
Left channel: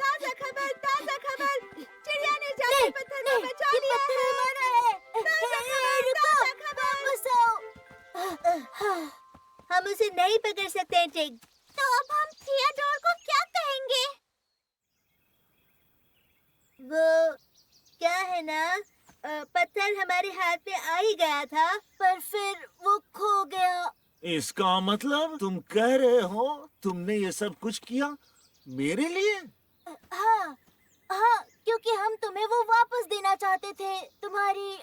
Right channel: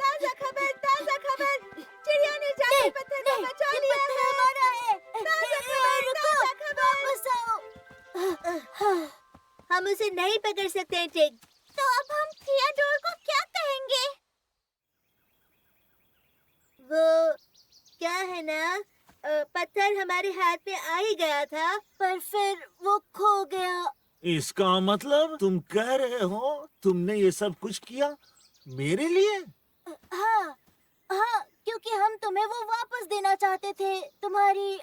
ताजा खबर, ताजा खबर। चिड़िया ने जादुई पत्थर को बचा लिया है। हमारा है। ताजा खबर, ताजा खबर। वापस आओ। हम उसे नहीं पकड़ सकते हैं, टिग। तो अब हम थियोडोर को क्या कहेंगे? वो क्या है ना, पत्थर हमारे हाथ में आ ही गया था। पर फिर वो खो गया। इसका मतलब तुम कह रहे हो तुमने ये सब कुछ किया मेरे लिए? हाँ हाँ, क्योंकि हम तुम्हें वो वापस देना चाहते थे। तुम्हारी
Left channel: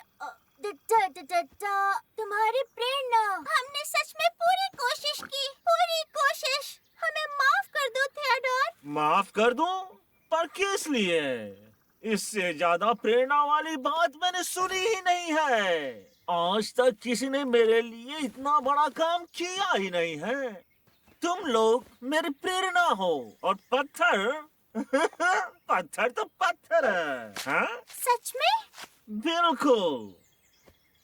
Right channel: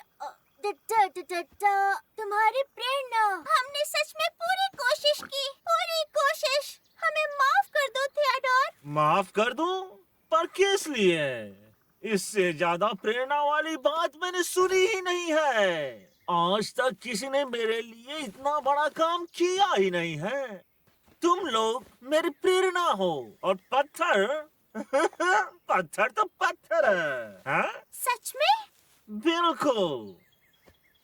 प्रेरणा। हमने सच में पूरी कोशिश की, पूरी कोशिश। हमें माफ कर दो थियोडोर। माफ कर दूं? पर किस लिए? इससे ज्यादा प्रेरणा वाली बात मैंने सुनी ही नहीं है। आज तक किसी ने मेरे लिए इतना बड़ा काम किया ही नहीं है। तुम लोग मेरी प्रेरणा हो और पत्थर पत्थर तो पत्थर है। हाँ? सच में? बिल्कुल।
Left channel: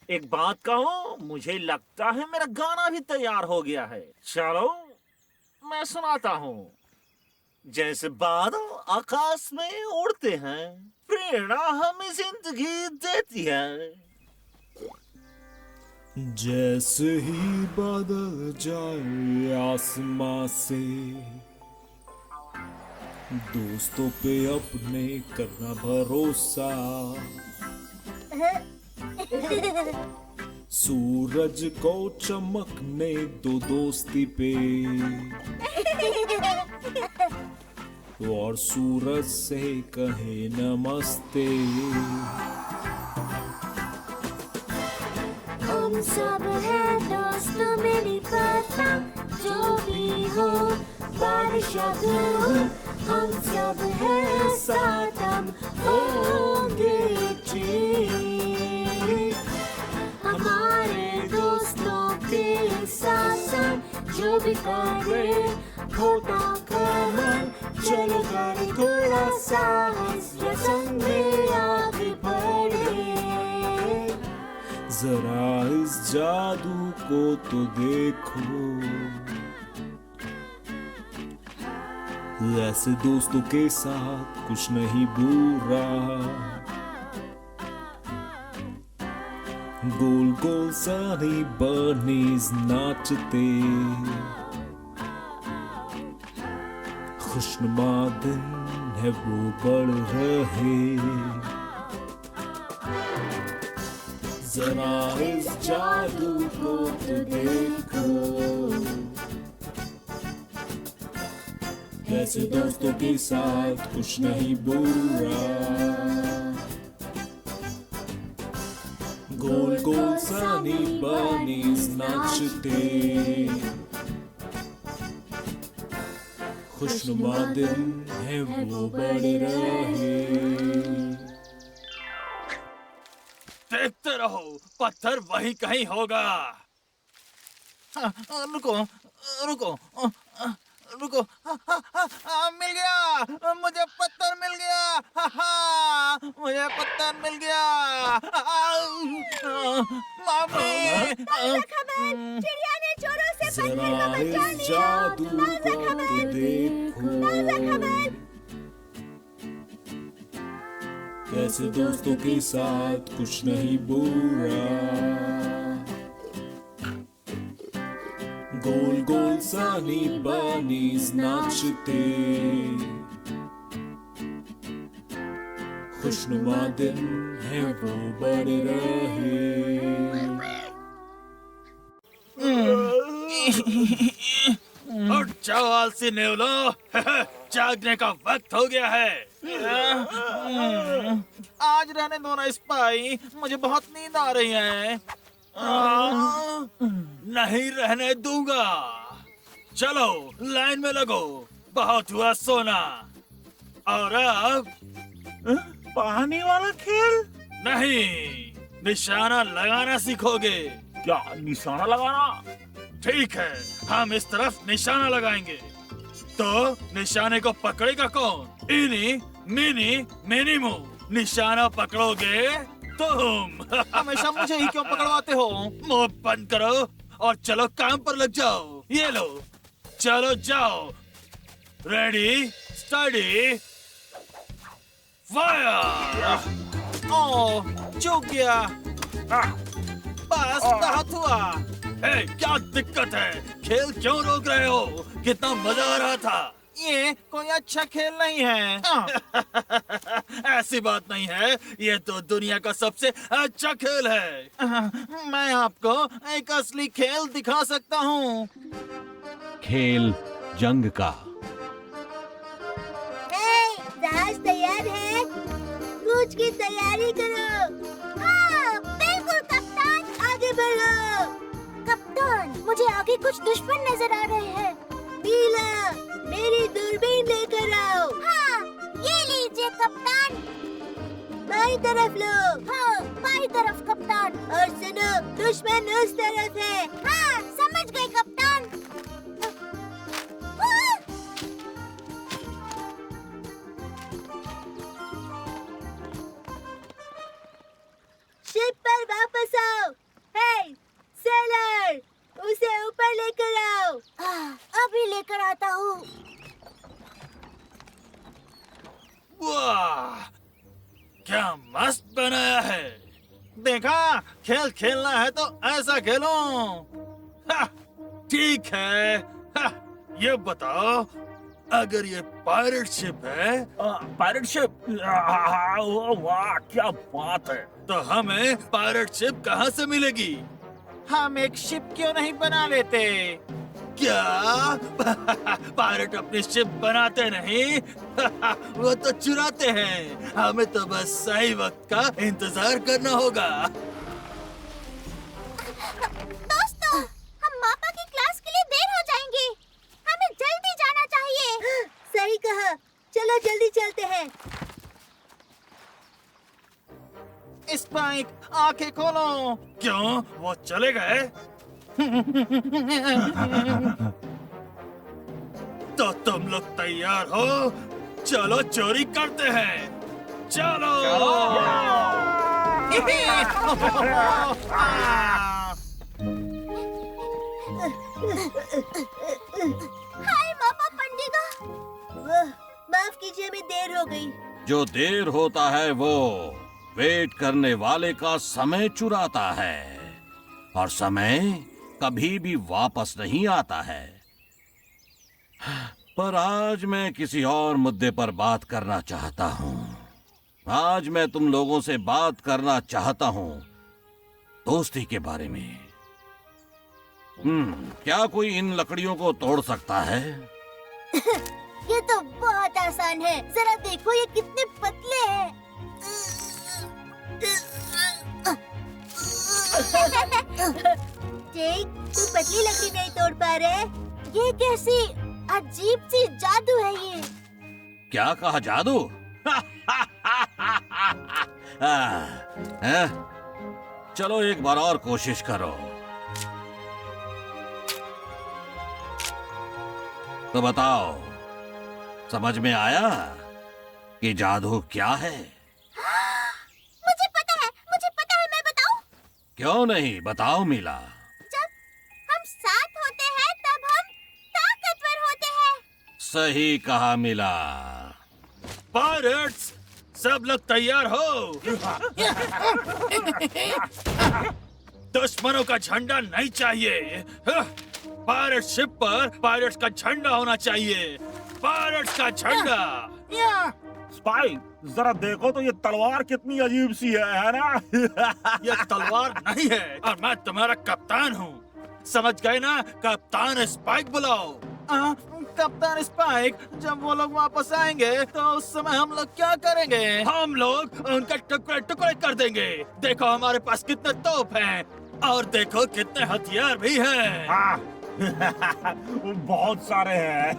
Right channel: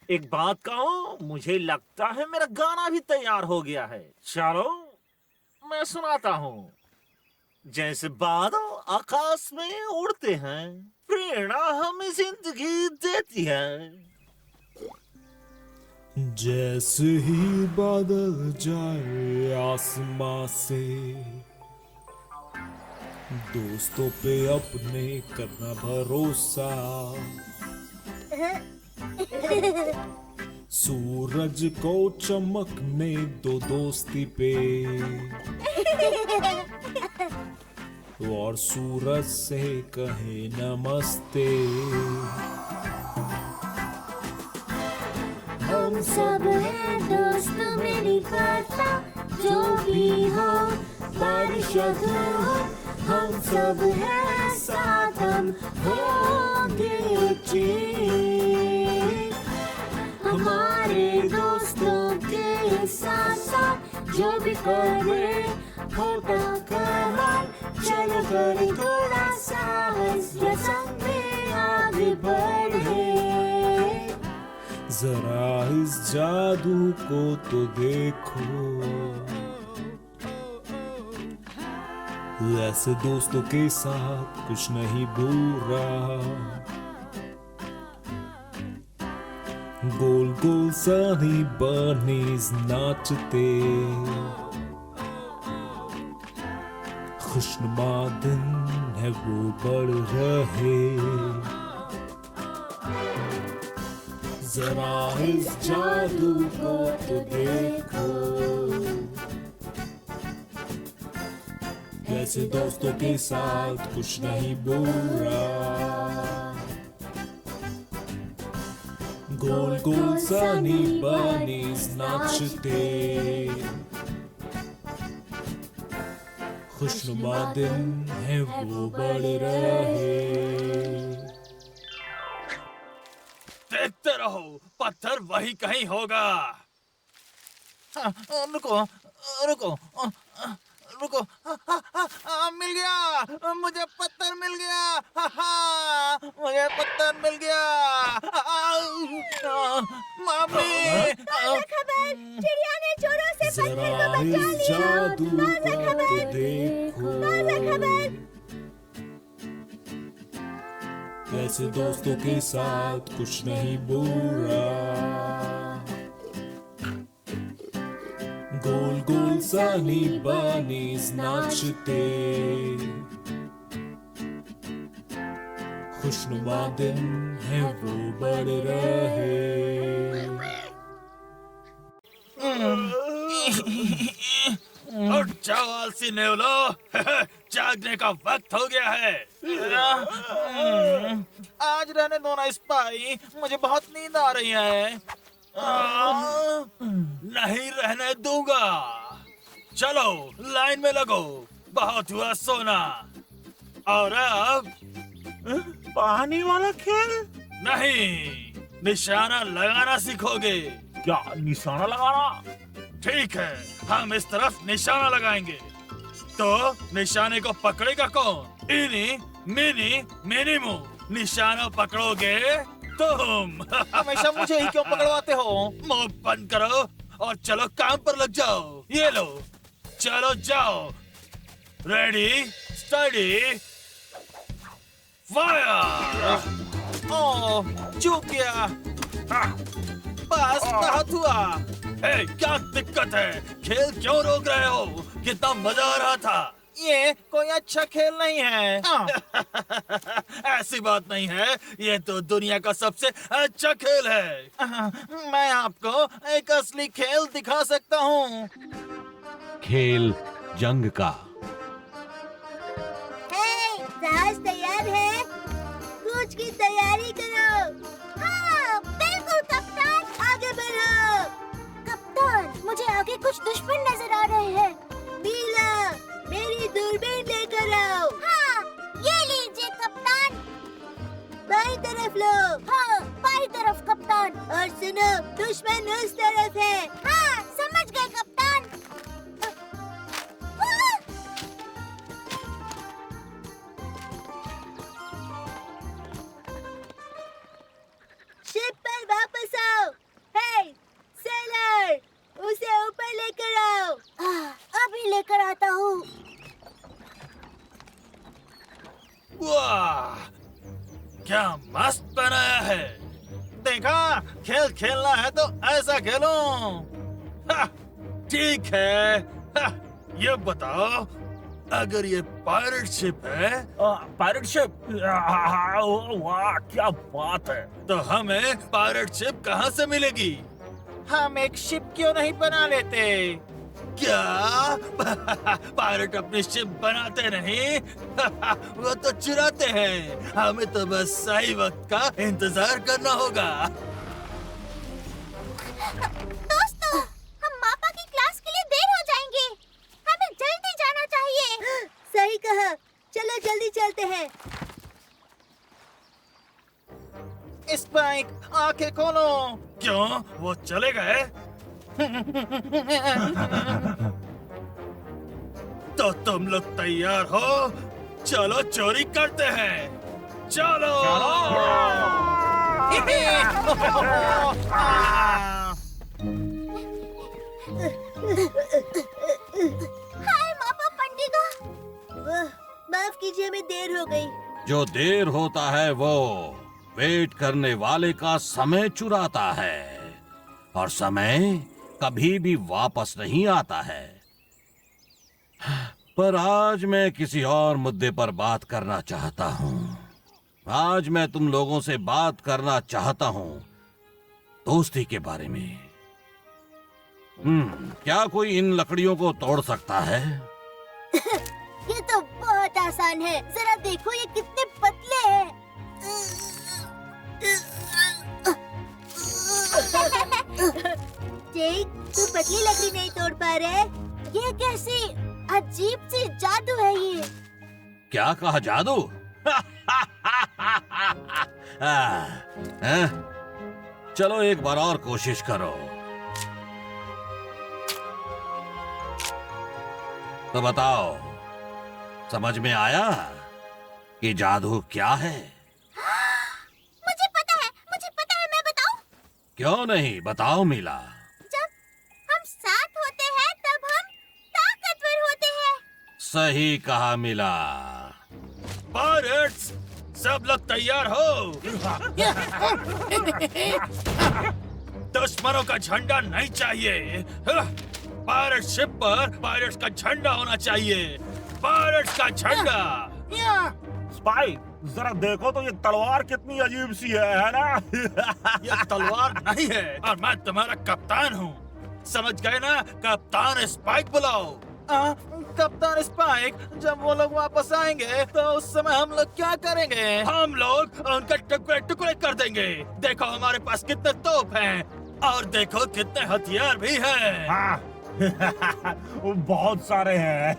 एक बात कहूँ, मुझे लगता है मेरा गाना भी तैयार हो गया है। चलो मैं सुनाता हूँ। जैसे बादल आकाश में उड़ते हैं, प्रेरणा हमें जिंदगी देती है। जैसे ही बादल जाए आसमां से, दोस्तों पे अपने करना भरोसा। सूरज को चमकने दो दोस्ती पे, और सूरज से कहे नमस्ते। हम सब हैं दोस्त, मेरी पता जो भी हो, बारिश या धूप, हम सब हैं साथ, हम होंगे ठीक। हमारे दोस्तों के साथ साथ जो भी करे होता कमाल। चलो करें थोड़ा साहस, या संग में आगे बढ़े। जरा इस जादू को तो देखो, ऐसे दोस्तों के साथ कुछ नहीं बुरा। गोल गोल सानी बनीज नाचते, खुशनुमा दिन है वो बढ़ रहे, जरा इस जादू को तो देखो, कैसे दोस्तों के साथ कुछ नहीं बुरा, गोल गोल सानी बनीज नाचते, खुशनुमा दिन है वो बढ़ रहे। देखते रहो, पत्थर वहीं कहीं होगा। रुको रुको रुको, मिल गया, मुझे पत्थर मिल गया, मुझे पत्थर मिल गया। मामी, चिड़िया ने चोरों से जरा इस जादू को तो देखो, कैसे दोस्तों के साथ कुछ नहीं बुरा, गोल गोल सानी बनीज नाचते, खुशनुमा दिन है वो बढ़ रहे। उठ जाओ आलसी नेवलो, जागने का वक्त हो गया है। आज रहने दो ना स्पाई, मुझे बहुत नींद आ रही है। नहीं रहने दूंगा। चलो लाइन में लगो, बहुत हुआ सोना। और अब पानी वाला खेल? नहीं, निशाना लगाना सीखोगे। क्या निशाना लगाना? ठीक है, हम इस तरफ निशाना लगाएंगे, तो निशाने को पकड़ेगा कौन? इनी मिनी मिनीमू। निशाना पकड़ोगे तुम। हमेशा मुझे ही क्यों पकड़वाते हो? मुंह बंद करो और चलो काम पर लग जाओ। ये लो, चलो जाओ। Ready, study, fire. ओह, चूक गया। बस बहुत हुआ। ए, क्या दिक्कत है? खेल क्यों रोक रहे हो? कितना मजा आ रहा था। ये कोई अच्छा खेल नहीं है। ऐसी बात नहीं है, ये तो दुनिया का सबसे अच्छा खेल है। मैं आपको एक असली खेल दिखा सकता हूँ। खेल जंग का। जहाज तैयार है, कूच की तैयारी करो। हाँ, बिल्कुल कप्तान, आगे बढ़ो। कप्तान, मुझे आगे कुछ दुश्मन नजर आ रहे हैं। नीला, मेरी दूरबीन लेकर आओ। हाँ, ये लीजिए कप्तान। बाई तरफ लो। हाँ, बाई तरफ कप्तान। और सुनो, दुश्मन उस तरफ है। हाँ, समझ गए कप्तान। शिप पर वापस आओ। हे, सेलर, उसे ऊपर लेकर आओ। अभी लेकर आता हूँ। वाह, क्या मस्त बनाया है। देखा, खेल खेलना है तो ऐसा खेलो। हा, ठीक है। हा, ये बताओ, अगर ये पायरेट शिप है, पायरेट शिप? वाह, क्या बात है। तो हमें पायरेट शिप कहाँ से मिलेगी? हम एक शिप क्यों नहीं बना लेते? क्या? पायरेट अपनी शिप बनाते नहीं? वो तो चुराते हैं। हमें तो बस सही वक्त का इंतजार करना होगा। दोस्तों, हम मापा की क्लास के लिए देर हो जाएंगे। हमें जल्दी जाना चाहिए। सही कहा, चलो जल्दी चलते हैं। स्पाइक, आंखें खोलो। क्यों? वो चले गए? तो तुम लोग तैयार हो? चलो चोरी करते हैं। चलो। हाय मापा पंडिगा। माफ कीजिए, हमें देर हो गई। जो देर होता है वो वेट करने वाले का समय चुराता है और समय कभी भी वापस नहीं आता है। पर आज मैं किसी और मुद्दे पर बात करना चाहता हूं। आज मैं तुम लोगों से बात करना चाहता हूं दोस्ती के बारे में। क्या कोई इन लकड़ियों को तोड़ सकता है? ये तो बहुत आसान है, जरा देखो ये कितने पतले हैं। जेक, तू पतली लकड़ी नहीं तोड़ पा रहे? ये कैसी अजीब सी जादू है ये। क्या कहा, जादू? चलो एक बार और कोशिश करो। तो बताओ, समझ में आया कि जादू क्या है? मुझे पता है, मैं बताऊं? क्यों नहीं, बताओ मीला। जब हम साथ होते हैं तब हम ताकतवर होते हैं। सही कहा मीला। पायरेट्स, सब लोग तैयार हो? दुश्मनों का झंडा नहीं चाहिए। पायरेट शिप पर पायरेट्स का झंडा होना चाहिए। पायरेट्स का झंडा। स्पाइक, जरा देखो तो ये तलवार कितनी अजीब सी है ना? ये तलवार नहीं है और मैं तुम्हारा कप्तान हूँ। समझ गए ना? कप्तान स्पाइक बुलाओ। कप्तान स्पाइक, जब वो लोग वापस आएंगे तो उस समय हम लोग क्या करेंगे? हम लोग उनके टुकड़े टुकड़े कर देंगे। देखो हमारे पास कितने तोप हैं और देखो कितने हथियार भी हैं। हाँ। बहुत सारे हैं।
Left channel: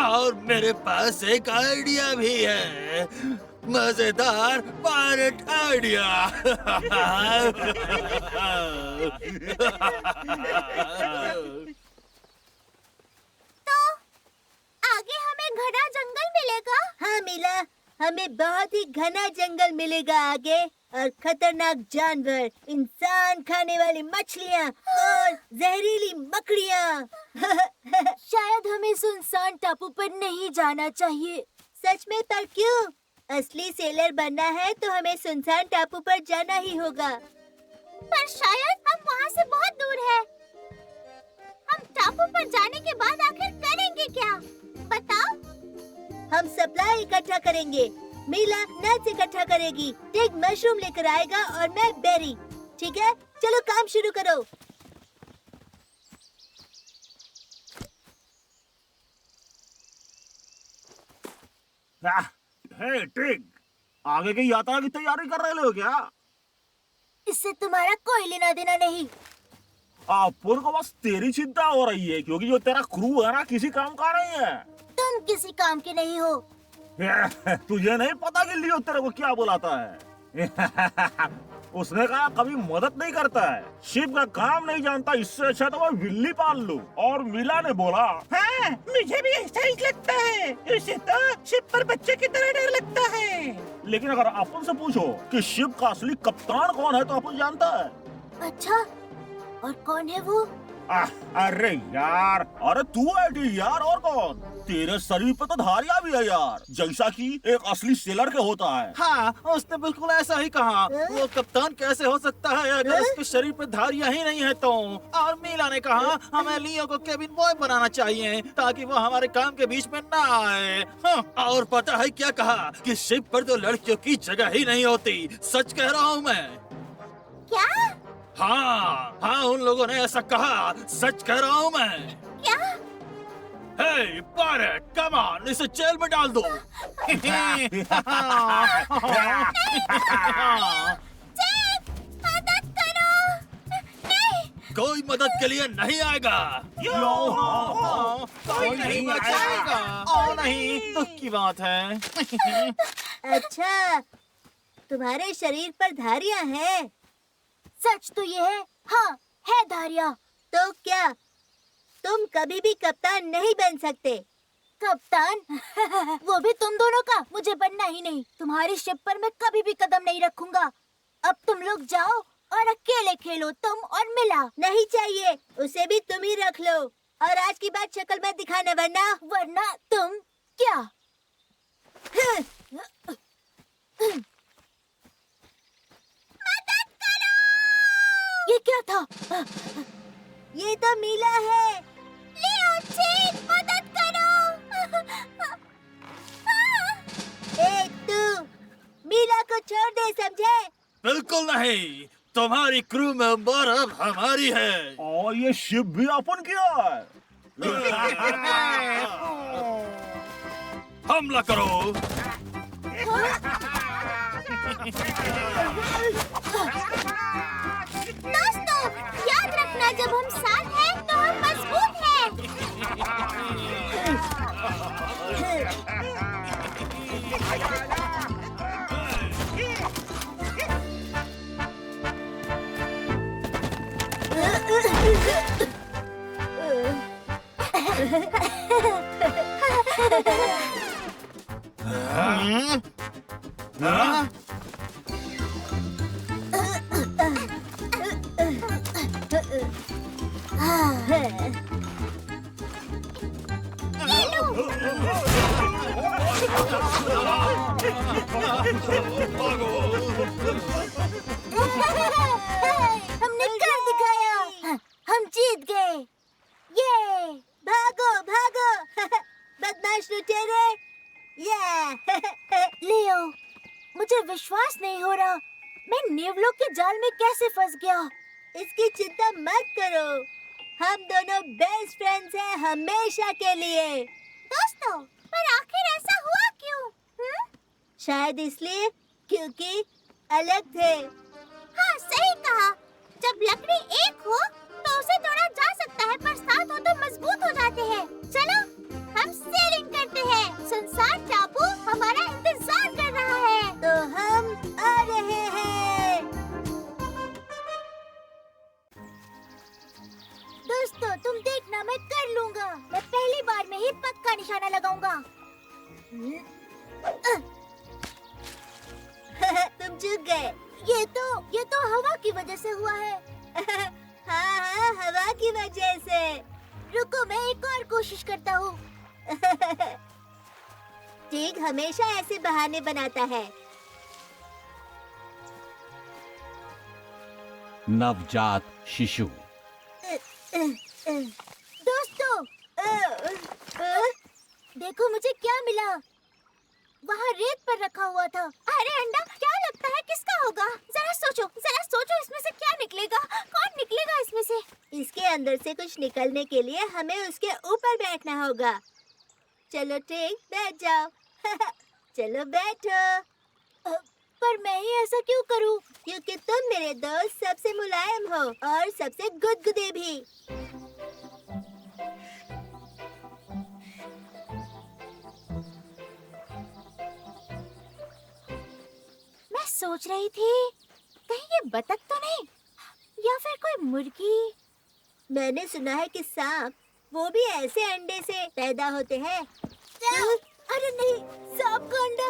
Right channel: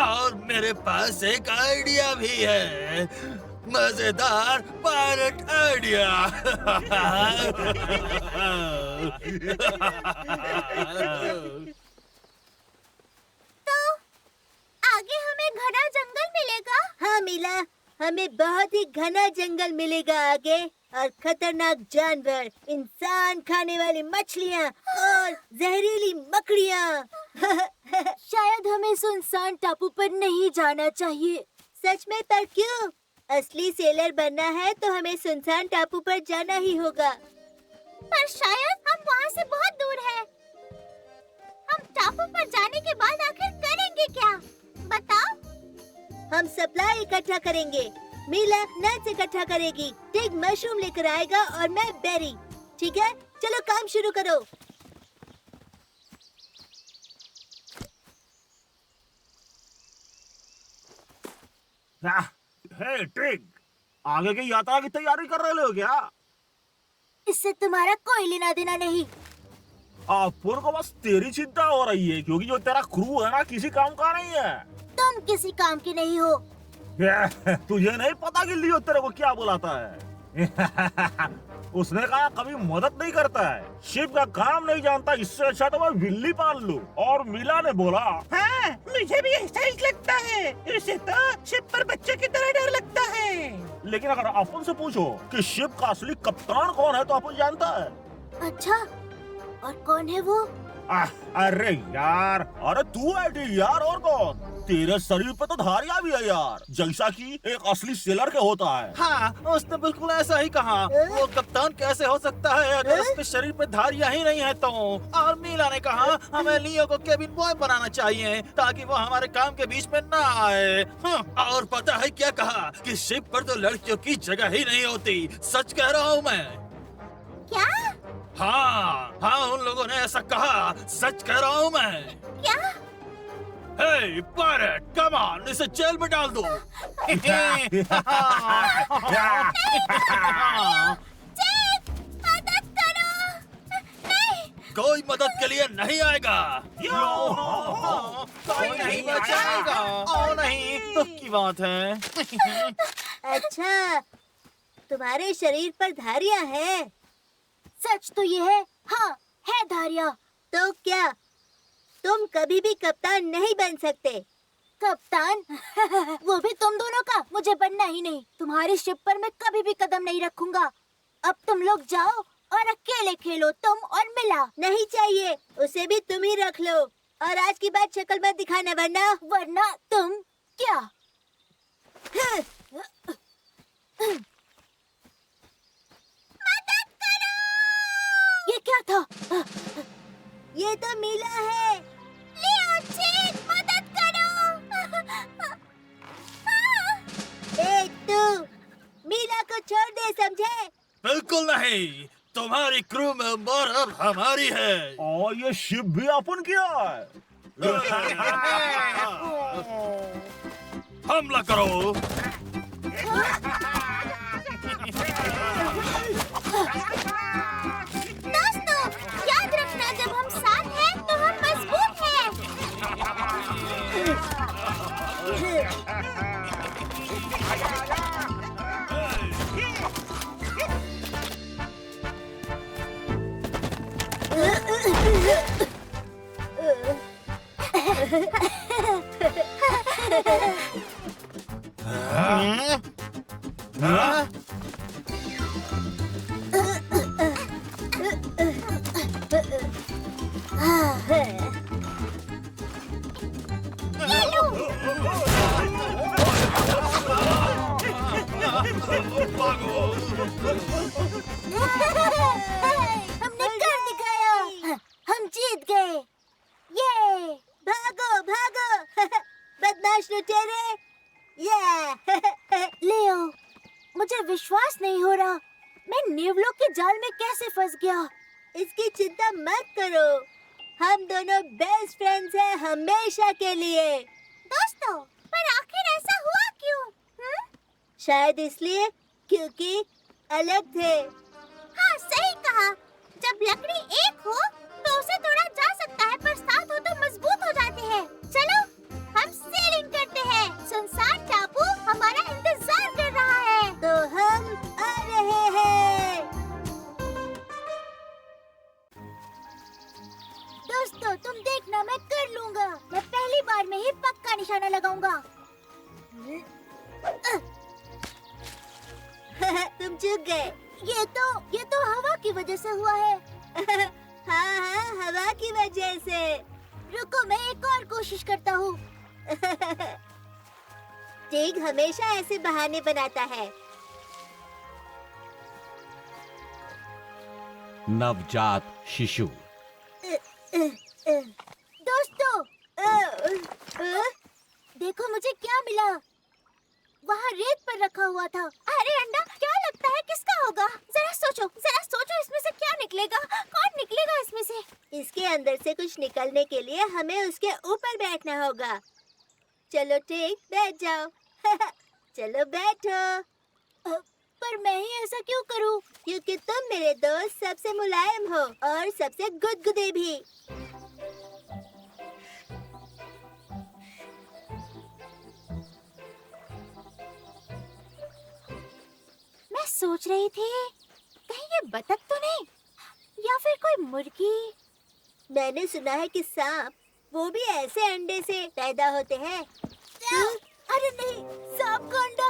और मेरे पास एक आइडिया भी है, मजेदार पायरेट आइडिया। तो आगे हमें घना जंगल मिलेगा। हाँ मीला, हमें बहुत ही घना जंगल मिलेगा आगे, और खतरनाक जानवर, इंसान खाने वाली मछलियाँ और जहरीली मकड़ियाँ। शायद हमें सुनसान टापू पर नहीं जाना चाहिए। सच में? पर क्यों? असली सेलर बनना है तो हमें सुनसान टापू पर जाना ही होगा। पर शायद हम वहाँ से बहुत दूर हैं। हम टापू पर जाने के बाद आखिर करेंगे क्या? बताओ। हम सप्लाई इकट्ठा करेंगे। मीला नट्स इकट्ठा करेगी, टिग मशरूम लेकर आएगा और मैं बेरी। ठीक है, चलो काम शुरू करो। हे टिग, आगे की यात्रा की तैयारी कर रहे हो क्या? इससे तुम्हारा कोई लेना देना नहीं। अपन को बस तेरी चिंता हो रही है, क्योंकि जो तेरा क्रू है ना किसी काम का नहीं है। तुम किसी काम के नहीं हो। तुझे नहीं पता कि लियो तेरे को क्या बुलाता है? उसने कहा कभी मदद नहीं करता है, शिप का काम नहीं जानता, इससे अच्छा तो मैं बिल्ली पाल लूं। और मीला ने बोला, हाँ, मुझे भी ऐसा ही लगता है। इसे तो शिप पर बच्चे की तरह डर लगता है। लेकिन अगर अपन से पूछो कि शिप का असली कप्तान कौन है तो अपन जानता है। अच्छा, और कौन है वो? अरे यार, अरे तू है यार, और कौन? तेरे शरीर पे तो धारियां भी है यार, जैसा कि एक असली सेलर के होता है। हाँ, उसने बिल्कुल ऐसा ही कहा। वो कप्तान कैसे हो सकता है अगर उसके शरीर पे धारियां ही नहीं है तो? और मीला ने कहा हमें लियो को केबिन बॉय बनाना चाहिए ताकि वो हमारे काम के बीच में ना आए। हाँ, और पता है क्या कहा कि शिप पर तो लड़कियों की जगह ही नहीं होती। सच कह रहा हूँ मैं। क्या? हाँ हाँ, उन लोगों ने ऐसा कहा। सच कह रहा हूँ मैं। क्या? हे पायरेट, कम ऑन, इसे जेल में डाल दो। जेक, मदद करो। नहीं। कोई मदद के लिए नहीं आएगा। कोई नहीं बचाएगा। ओ नहीं, दुख की बात है। अच्छा, तुम्हारे शरीर पर धारियां हैं? सच तो ये है। हाँ, है धारियां। तो क्या तुम कभी भी कप्तान नहीं बन सकते? कप्तान? वो भी तुम दोनों का? मुझे बनना ही नहीं। तुम्हारी शिप पर मैं कभी भी कदम नहीं रखूंगा। अब तुम लोग जाओ और अकेले खेलो, तुम और मिला। नहीं चाहिए, उसे भी तुम ही रख लो। और आज की बात शक्ल मत दिखाना, वरना तुम क्या? ये तो मीला है। लियो चीन, मदद करो। ए तू, मीला को छोड़ दे, समझे? बिल्कुल नहीं, तुम्हारी क्रू मेंबर अब हमारी है। और ये शिप भी अपन किया है। हमला करो। दोस्तों, याद रखना जब हम साथ हैं तो हम मजबूत हैं। हमने कर दिखाया। हम जीत गए। ये भागो भागो बदमाश लुटेरे। लियो, मुझे विश्वास नहीं हो रहा। मैं नेवलों के जाल में कैसे फंस गया। इसकी चिंता मत करो, हम दोनों बेस्ट फ्रेंड्स हैं हमेशा के लिए। दोस्तों, पर आखिर ऐसा हुआ क्यों? शायद इसलिए क्योंकि अलग थे। हाँ, सही कहा। जब लकड़ी एक हो तो उसे तोड़ा जा सकता है, पर साथ हो तो मजबूत हो जाते हैं। चलो, हम सेलिंग करते हैं। सुनसान टापू हमारा इंतजार कर रहा है। तो हम आ रहे हैं। दोस्तों, तुम देखना, मैं कर लूंगा। मैं पहली बार में ही पक्का निशाना लगाऊंगा। तुम चूक गए। ये तो हवा की वजह से हुआ है। हाँ हाँ, हवा की वजह से। रुको, मैं एक और कोशिश करता हूँ। टिग हमेशा ऐसे बहाने बनाता है। नवजात शिशु। दोस्तों, देखो मुझे क्या मिला। वहाँ रेत पर रखा हुआ था। अरे अंडा, क्या लगता है किसका होगा? जरा सोचो, इसमें से क्या निकलेगा? कौन निकलेगा इसमें से? इसके अंदर से कुछ निकलने के लिए हमें उसके ऊपर बैठना होगा। चलो टिग, बैठ जाओ। चलो बैठो। पर मैं ही ऐसा क्यों करूं? क्योंकि तुम मेरे दोस्त सबसे मुलायम हो और सबसे गुदगुदे भी। मैं सोच रही थी, कहीं ये बतख तो नहीं, या फिर कोई मुर्गी। मैंने सुना है कि सांप वो भी ऐसे अंडे से पैदा होते हैं। अरे नहीं, सांप का अंडा।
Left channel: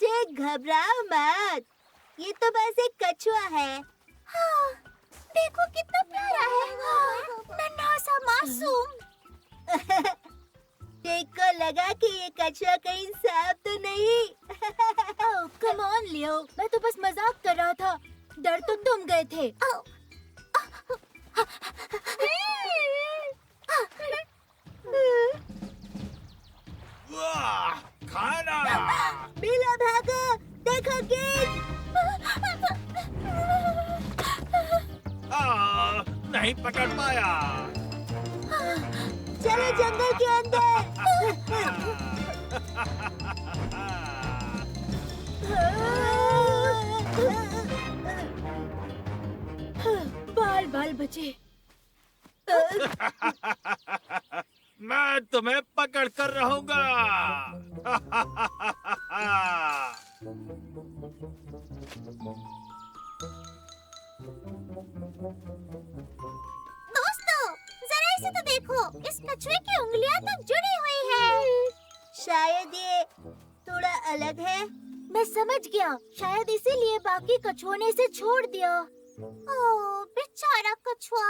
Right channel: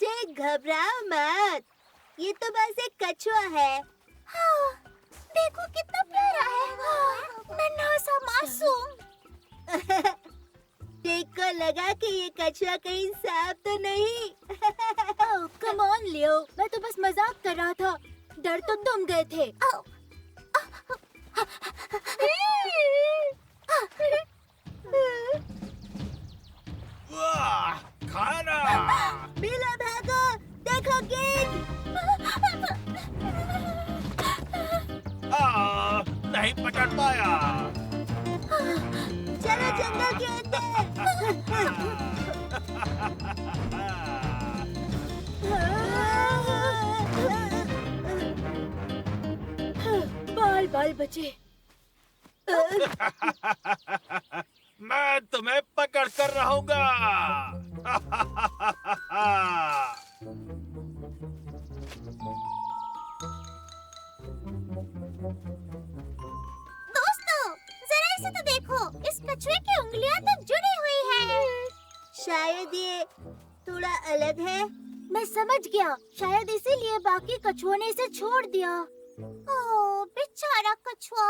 टिग, घबराओ मत, ये तो बस एक कछुआ है। हाँ, देखो कितना प्यारा है। नन्हा सा मासूम। टिग को लगा कि ये कछुआ कहीं सांप तो नहीं। ओह, कम ऑन लियो, मैं तो बस मजाक कर रहा था। डर तो तुम गए थे। वाह, खाना। मीला भागो, देखो गेंद। नहीं पकड़ पाया। चलो जंगल के बाल बाल बचे। मैं तुम्हें पकड़ कर रहूंगा। दोस्तों, जरा इसे तो देखो, इस कछुए की उंगलियां तो जुड़ी हुई है। शायद ये थोड़ा अलग है। मैं समझ गया, शायद इसीलिए बाकी कछुओं ने इसे छोड़ दिया। ओह, बेचारा कछुआ।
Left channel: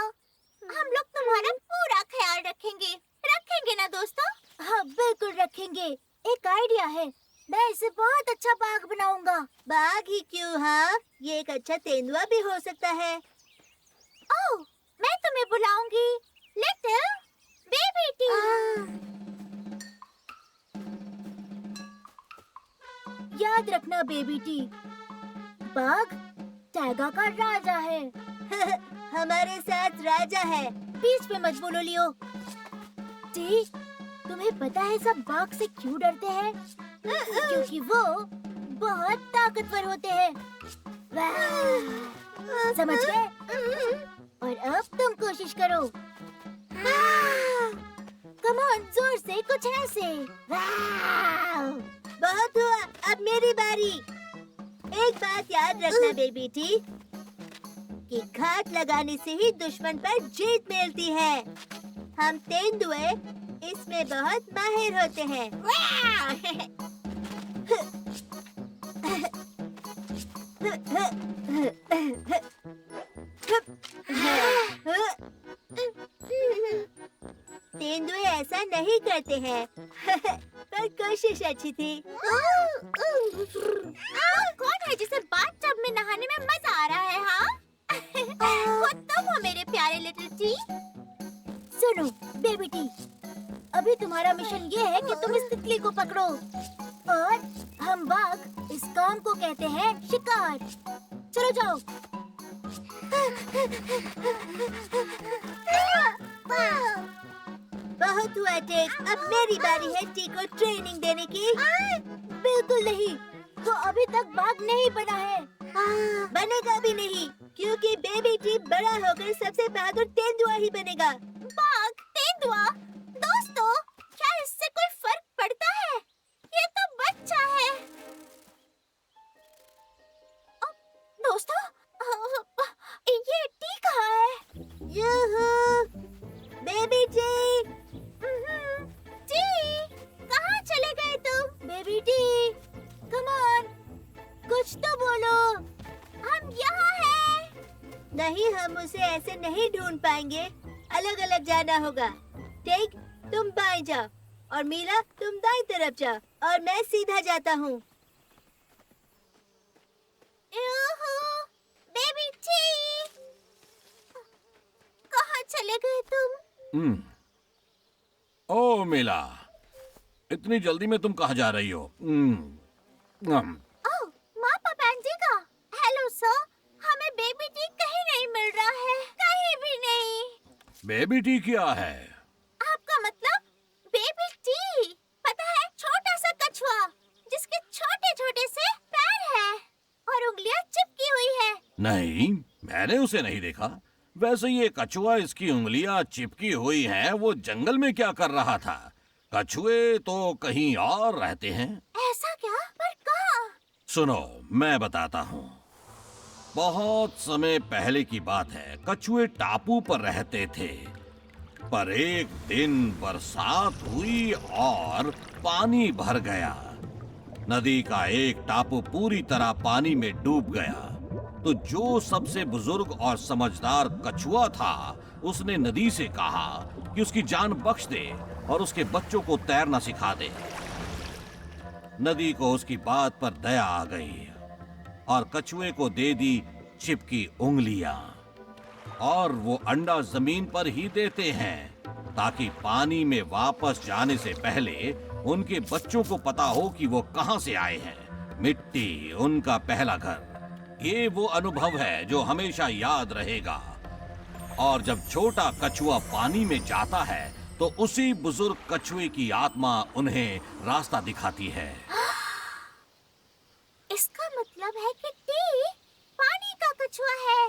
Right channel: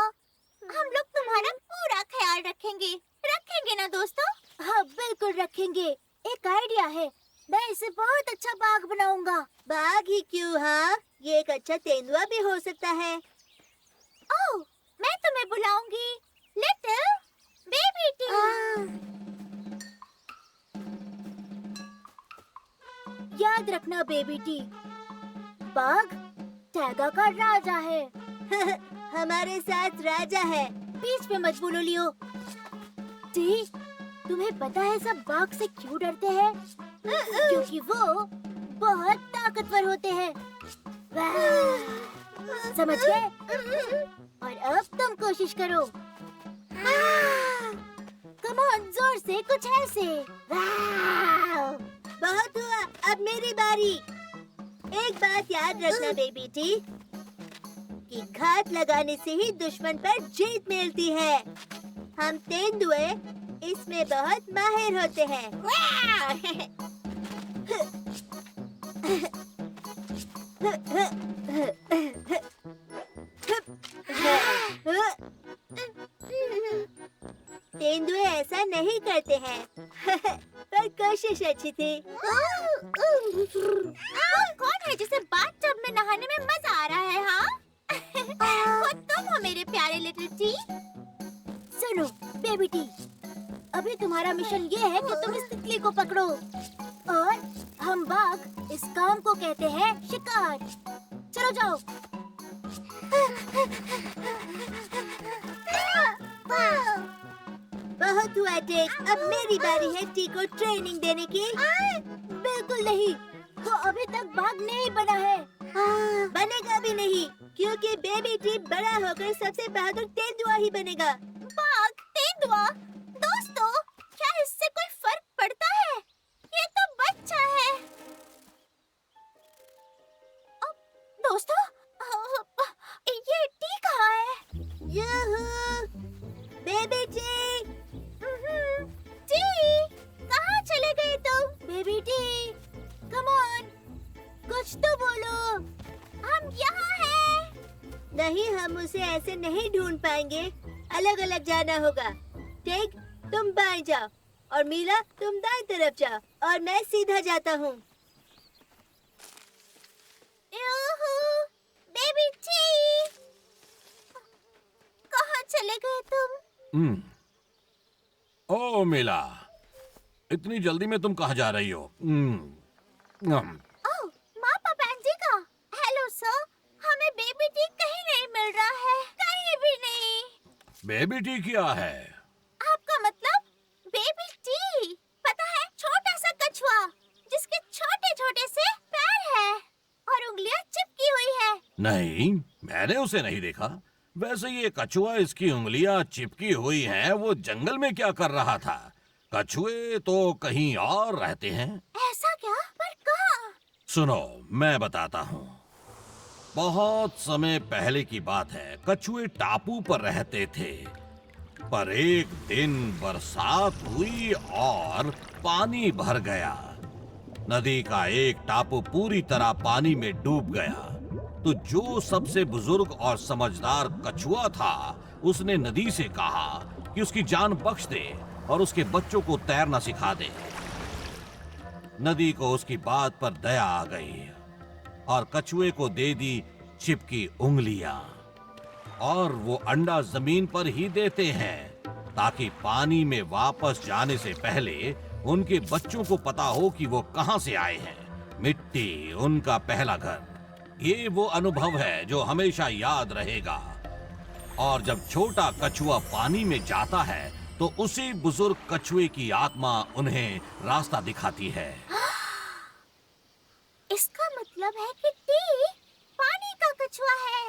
हम लोग तुम्हारा पूरा ख्याल रखेंगे। रखेंगे ना दोस्तों? हाँ बिल्कुल रखेंगे। एक आइडिया है, मैं इसे बहुत अच्छा बाग बनाऊंगा। बाग ही क्यों, हाँ ये एक अच्छा तेंदुआ भी हो सकता है। ओह, मैं तुम्हें बुलाऊंगी लिटिल बेबी टी। याद रखना बेबी टी, बाघ टैगा का राजा है। हमारे साथ राजा है। बीच में मत बोलो लियो। टी, तुम्हें पता है सब बाघ से क्यों डरते हैं? क्योंकि वो बहुत ताकतवर होते हैं। समझ गए? और अब तुम कोशिश करो। कम ऑन, जोर से, कुछ ऐसे। बहुत हुआ, अब मेरी बारी। एक बात याद रखना बेबी टी, कि घात लगाने से ही दुश्मन पर जीत मिलती है। हम तेंदुए इसमें बहुत माहिर होते हैं। तेंदुए ऐसा नहीं करते हैं। पर कोशिश अच्छी थी। कौन है जिसे बाथटब में नहाने में मजा आ रहा है? हाँ वो तुम हो मेरे प्यारे लिटिल टी। सुनो बेबी टी, अभी तुम्हारा मिशन ये है कि तुम इस तितली को पकड़ो और हम बाघ इस काम को कहते हैं शिकार। चलो जाओ। बहुत हुआ टेक, अब मेरी बारी है टी को ट्रेनिंग देने की। बिल्कुल नहीं, वो अभी तक बाघ नहीं बना है। बनेगा भी नहीं, क्योंकि बेबी टी बड़ा होकर सबसे बहादुर तेंदुआ ही बनेगा। बाघ, तेंदुआ, दोस्तों, क्या इससे कोई फर्क पड़ता है? ये तो बच्चा है। दोस्तों, ये टी कहाँ है? यूहू, बेबी टी। टी, कहाँ चले गए तुम? बेबी टी, कम ऑन, कुछ तो बोलो। हम यहाँ हैं। नहीं, हम उसे ऐसे नहीं ढूंढ पाएंगे। अलग अलग जाना होगा। टेक, तुम बाएं जाओ और मीला तुम दाएं तरफ जाओ और मैं सीधा जाता हूँ। बेबी टी, कहाँ चले गए तुम? ओ मिला, इतनी जल्दी में तुम कहाँ जा रही हो? ओह, मापा पैंजी का। हेलो सर, हमें बेबी टी कहीं नहीं मिल रहा है, कहीं भी नहीं। बेबी टी क्या है? आपका मतलब बेबी टी? पता है, छोटा सा कछुआ जिसके छोटे छोटे से पैर है और उंगलियां चिपकी हुई है। नहीं, मैंने उसे नहीं देखा। वैसे ये कछुआ, इसकी उंगलियां चिपकी हुई हैं, वो जंगल में क्या कर रहा था? कछुए तो कहीं और रहते हैं। ऐसा क्या? पर कहाँ? सुनो, मैं बताता हूँ। बहुत समय पहले की बात है। कछुए टापू पर रहते थे, पर एक दिन बरसात हुई और पानी भर गया। नदी का एक टापू पूरी तरह पानी में डूब गया। तो जो सबसे बुजुर्ग और समझदार कछुआ था, उसने नदी से कहा कि उसकी जान बख्श दे और उसके बच्चों को तैरना सिखा दे। नदी को उसकी बात पर दया आ गई और कछुए को दे दी चिपकी उंगलियां। और वो अंडा जमीन पर ही देते हैं ताकि पानी में वापस जाने से पहले उनके बच्चों को पता हो कि वो कहां से आए हैं। मिट्टी उनका पहला घर। ये वो अनुभव है जो हमेशा याद रहेगा। और जब छोटा कछुआ पानी में जाता है तो उसी बुजुर्ग कछुए की आत्मा उन्हें रास्ता दिखाती है। इसका मतलब है कि टी पानी का कछुआ है।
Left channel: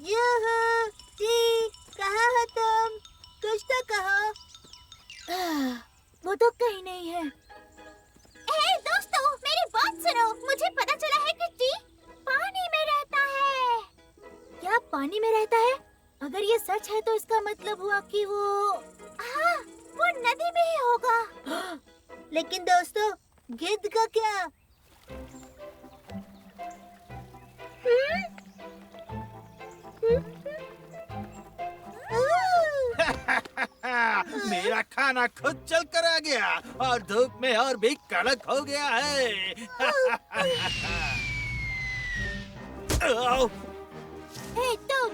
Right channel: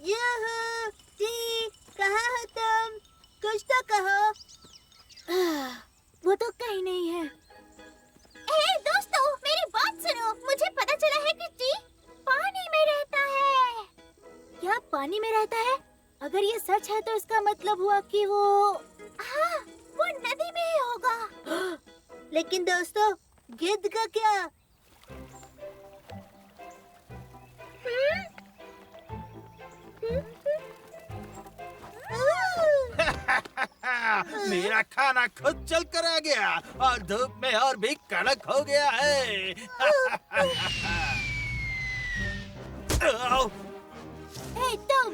यूहू, टी, कहाँ हो तुम? कुछ तो कहो। वो तो कहीं नहीं है। दोस्तों, मेरी बात सुनो। मुझे पता चला है कि टी पानी में रहता है। क्या पानी में रहता है? अगर ये सच है तो इसका मतलब हुआ कि वो हाँ, वो नदी में ही होगा। लेकिन दोस्तों, गिद्ध का क्या? मेरा खाना खुद चल कर आ गया और धूप में और भी कड़क हो गया है। हे तुम,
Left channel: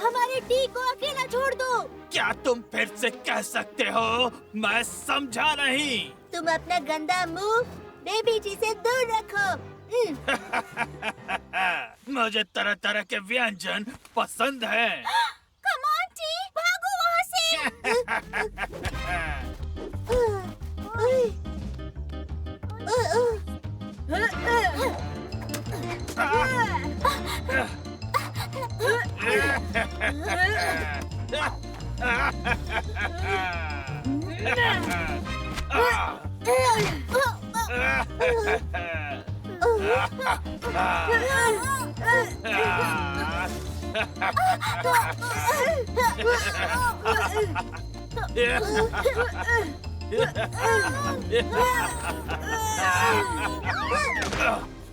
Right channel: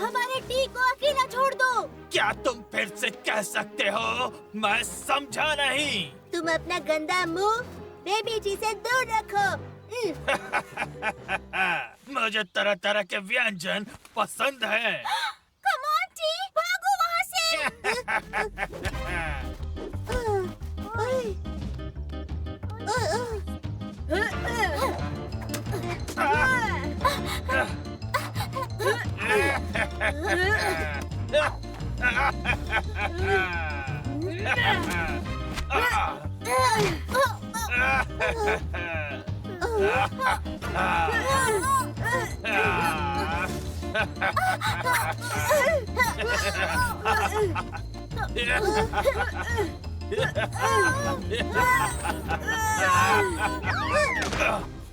हमारे टी को अकेला छोड़ दो। क्या तुम फिर से कह सकते हो? मैं समझा नहीं। तुम अपना गंदा मुंह बेबी जी से दूर रखो। मुझे तरह तरह के व्यंजन पसंद हैं। कम ऑन टी, भागो वहाँ से।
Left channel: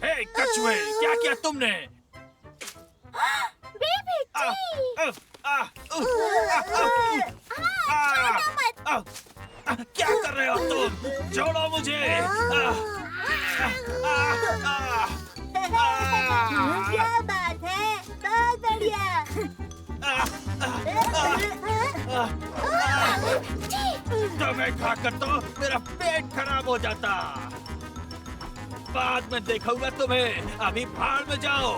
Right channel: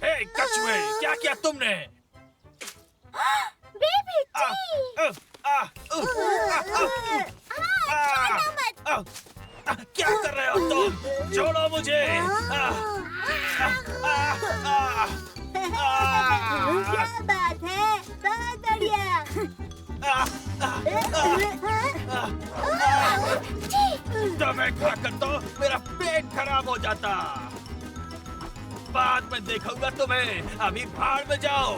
हे कछुए, क्या किया तुमने? बेबी टी, क्या कर रहे हो तुम? छोड़ो मुझे। क्या बात है, बहुत बढ़िया। तुम्हें खाकर तो मेरा पेट खराब हो जाता। बाद में देखूंगा तुम्हें। अभी भाड़ में जाओ।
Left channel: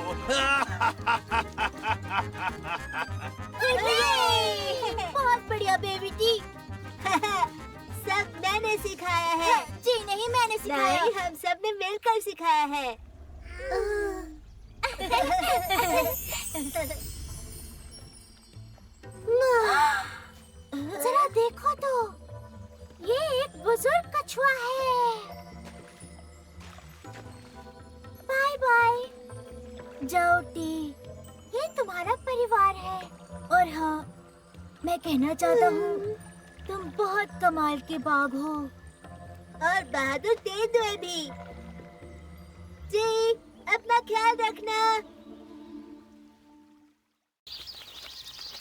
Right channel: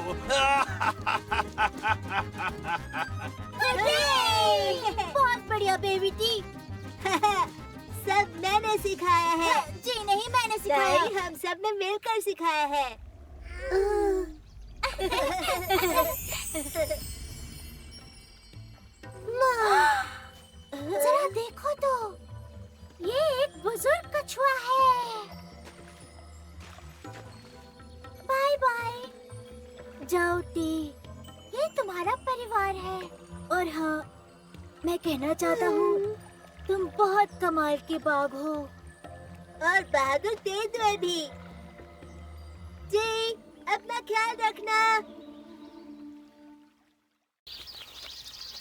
बहुत बढ़िया बेबी टी। सब मैंने सिखाया है। जी नहीं, मैंने सिखाया। नहीं, हम सब ने मिलकर सिखाया है। जरा देखो तो, ये एक बुजुर्ग कछुआ है। Bye bye. जाओ टी, ये तुम्हारा परिवार है। और हाँ, मैं कहना चाहता हूँ, तुम बहुत कमाल के बाघ हो। और बहादुर तेंदुए भी। जी, अपना ख्याल रखना।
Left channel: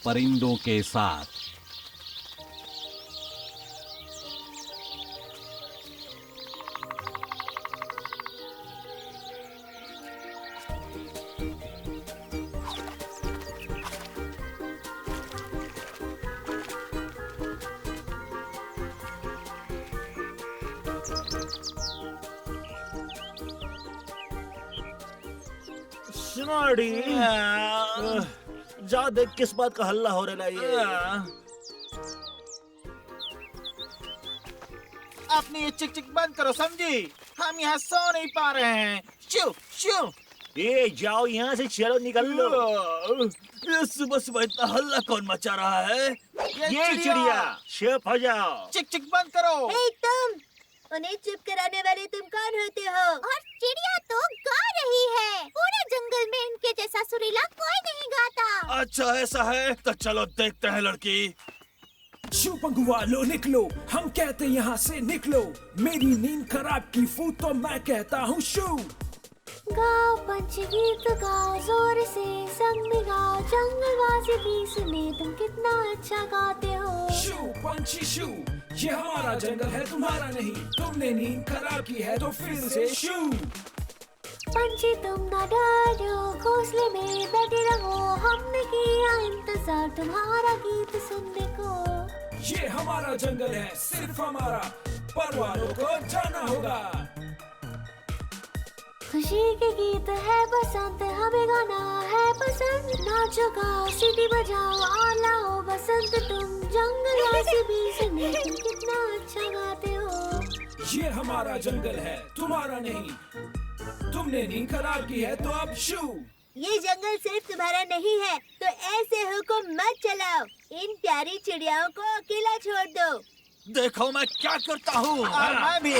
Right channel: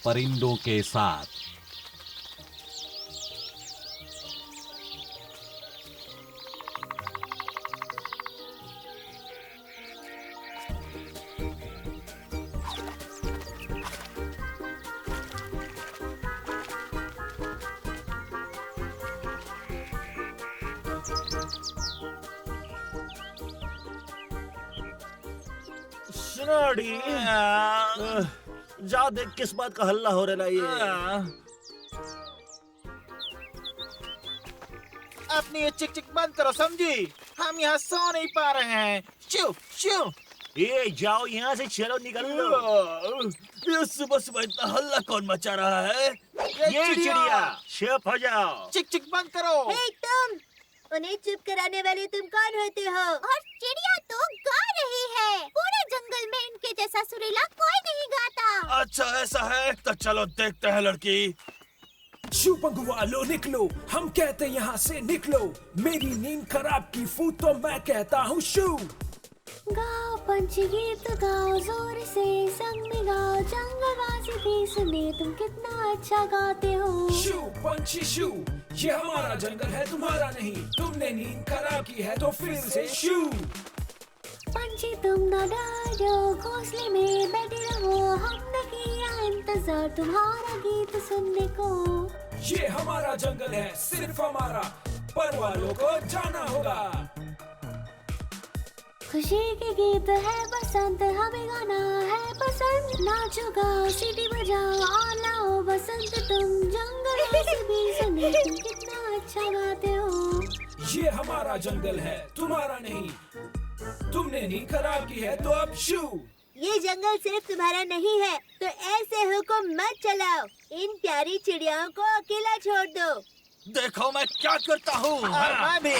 परिंदों के साथ। सुनाड़ी, जा देख किस बात का हल्ला हो रहा है ये। अपनी ये चिक चिक बंद करो, समझी? हम यहाँ सो नहीं पा रहे हैं। शू शू। ये जाओ यहाँ से, चलो निकल लो। ये सुबह सुबह इतना हल्ला कौन मचा रहा है? ये चिड़िया, चुप हो जाओ। चिक चिक बंद करो। हे तुम, उन्हें चुप कराने वाले तुम कौन होते हो? और चिड़िया तो गा रही है। पूरे जंगल में इनके जैसा सुरीला कोई नहीं गाता। अच्छा ऐसा है तो चलो देखते हैं लड़की। शू पंगुआ लो निकलो, हम कहते यहाँ से निकलो। मेरी नींद खराब की फूट तो मैं कहता हूँ शू। गाओ पंछी गीत गाओ जोर से, संग में गाओ जंगलवासी भी सुने, तुम कितना अच्छा गाते हो। शू पंछी शू, ये हमारा जंगल है तुम्हारा नहीं। तुमने नींद खराब की है तो फिर से शू। पंछी तुम ना डरो, घोंसले में बैठे रहो, हमने किया इंतजार तुम्हारा गीत सुनने को। ये हमारा जंगल है, सिर्फ हमारा, पर वालों को जाना होगा। खुशी के गीत है बसंत, हमें गाना है पसंद। नाचो गाओ सीटी बजाओ और लाओ बसंत, तुम जंगलवासी भी सुने, तुम कितना अच्छा गाते हो। ये हमारा जंगल है तुम्हारा नहीं। तुमने नींद खराब की है तो अब शू। ये जंगल सिर्फ तुम्हारा नहीं है, तो ऐसे हुक्म मत चलाओ। इन प्यारी चिड़ियाओं को अकेला छोड़ दो। देखो मैं क्या करता हूँ। और मैं भी।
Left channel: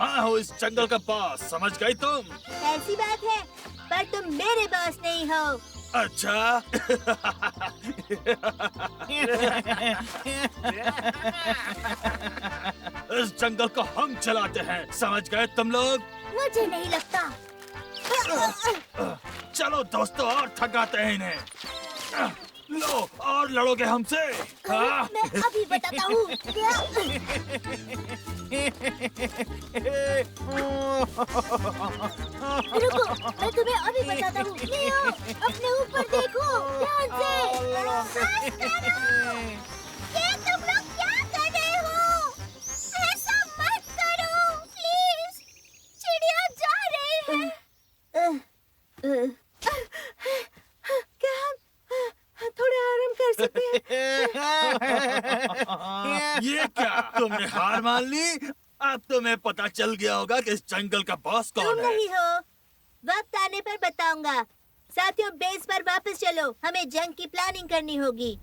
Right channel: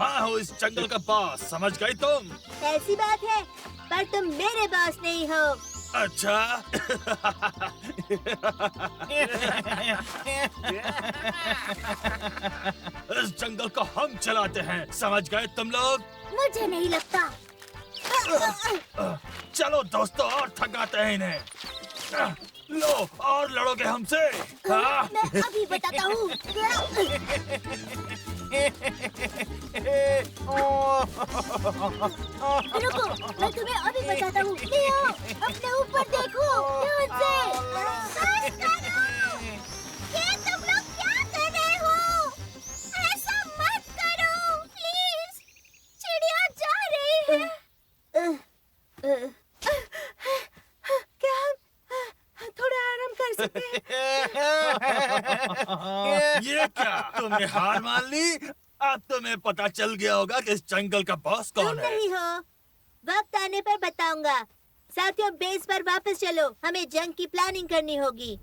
मैं हूँ इस जंगल का बॉस, समझ गई तुम? ऐसी बात है, पर तुम मेरे बॉस नहीं हो। अच्छा। इस जंगल को हम चलाते हैं, समझ गए तुम लोग? मुझे नहीं लगता। चलो दोस्तों, और थकाते हैं इन्हें। लो, और लड़ोगे हमसे? हाँ? मैं अभी बताता हूँ। रुको, मैं तुम्हें अभी बताता हूँ। लियो, अपने ऊपर देखो, ध्यान से। बस करो। ये तुम लोग क्या कर रहे हो? ऐसा मत करो, प्लीज। चिड़िया जा रही है। क्या हम थोड़ा आराम कर सकते हैं? ये क्या, तुमने हार मान ली? अब तुम्हें पता चल गया होगा कि इस जंगल का बॉस तुम कौन है। नहीं हो। वक्त आने पर बताऊंगा। साथियों, बेस पर वापस चलो, हमें जंग की प्लानिंग करनी होगी।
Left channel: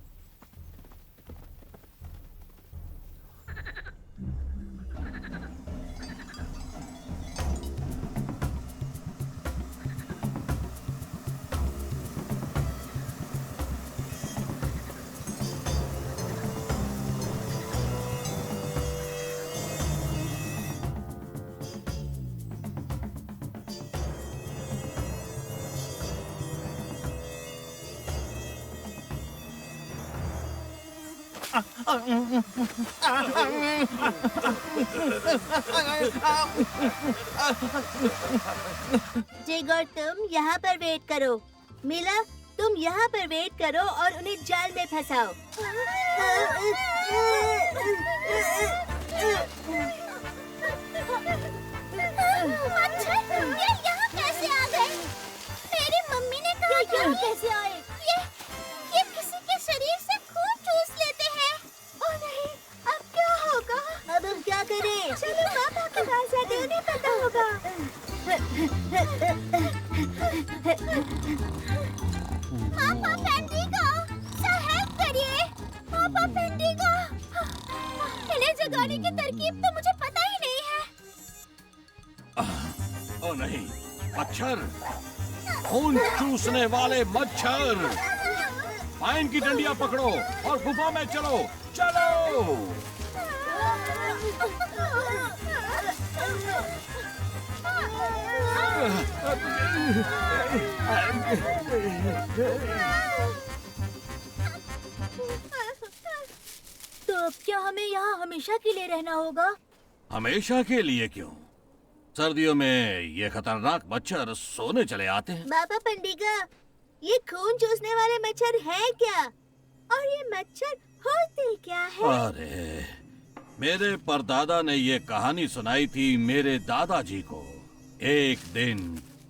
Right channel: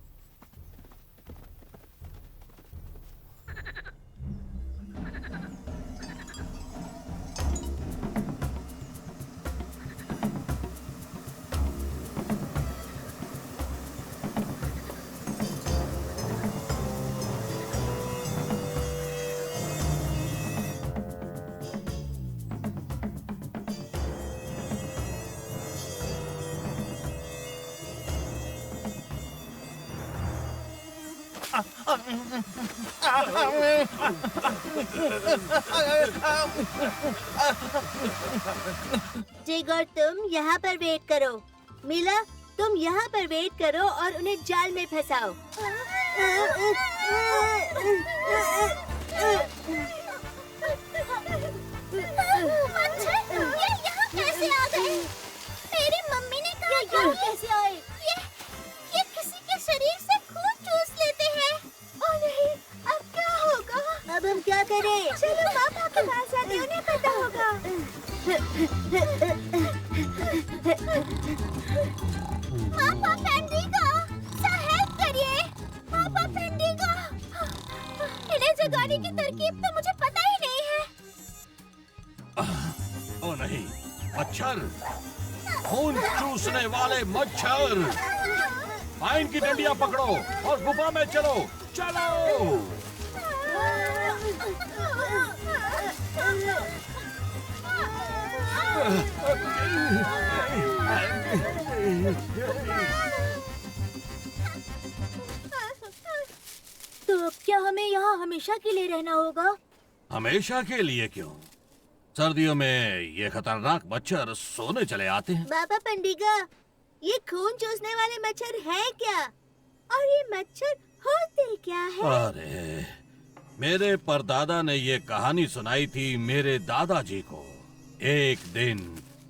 जिगर, तुम यहाँ पर वेट करो। मिला, तुम यहाँ पर वेट करो और उन्हें जाल में फंसाओ। मच्छर, ये यहाँ कैसे आ गए? मेरी मम्मी ने कहा यहाँ कैसे आए? ये किसी के शरीर से खून चूस लेते हैं। ओह नहीं, अब क्या होगा? अब हम क्या करें? चलो पापा के पास जाते हैं, उन्हें पता होगा। पापा पेंडिगो, हेल्प करिए। पापा पेंडिगो, इन्हें जगाने की तरकीब तो मुझे पता ही नहीं है। ओ नहीं, मच्छर, खून चूसने वाले मच्छर। पाइन की डंडियां पकड़ो और गुफा में चलो, चलो। तो अब क्या हमें यहाँ हमेशा के लिए रहना होगा? हमेशा के लिए क्यों? सर्दियों में ये खतरनाक मच्छर सोने चले आते हैं। बाबा पंडिगा, ये खून चूसने वाले मच्छर हैं क्या? और ये मच्छर होते क्या है? अरे, मेरे परदादा ने ये कहानी सुनाई थी मेरे दादाजी को। एक दिन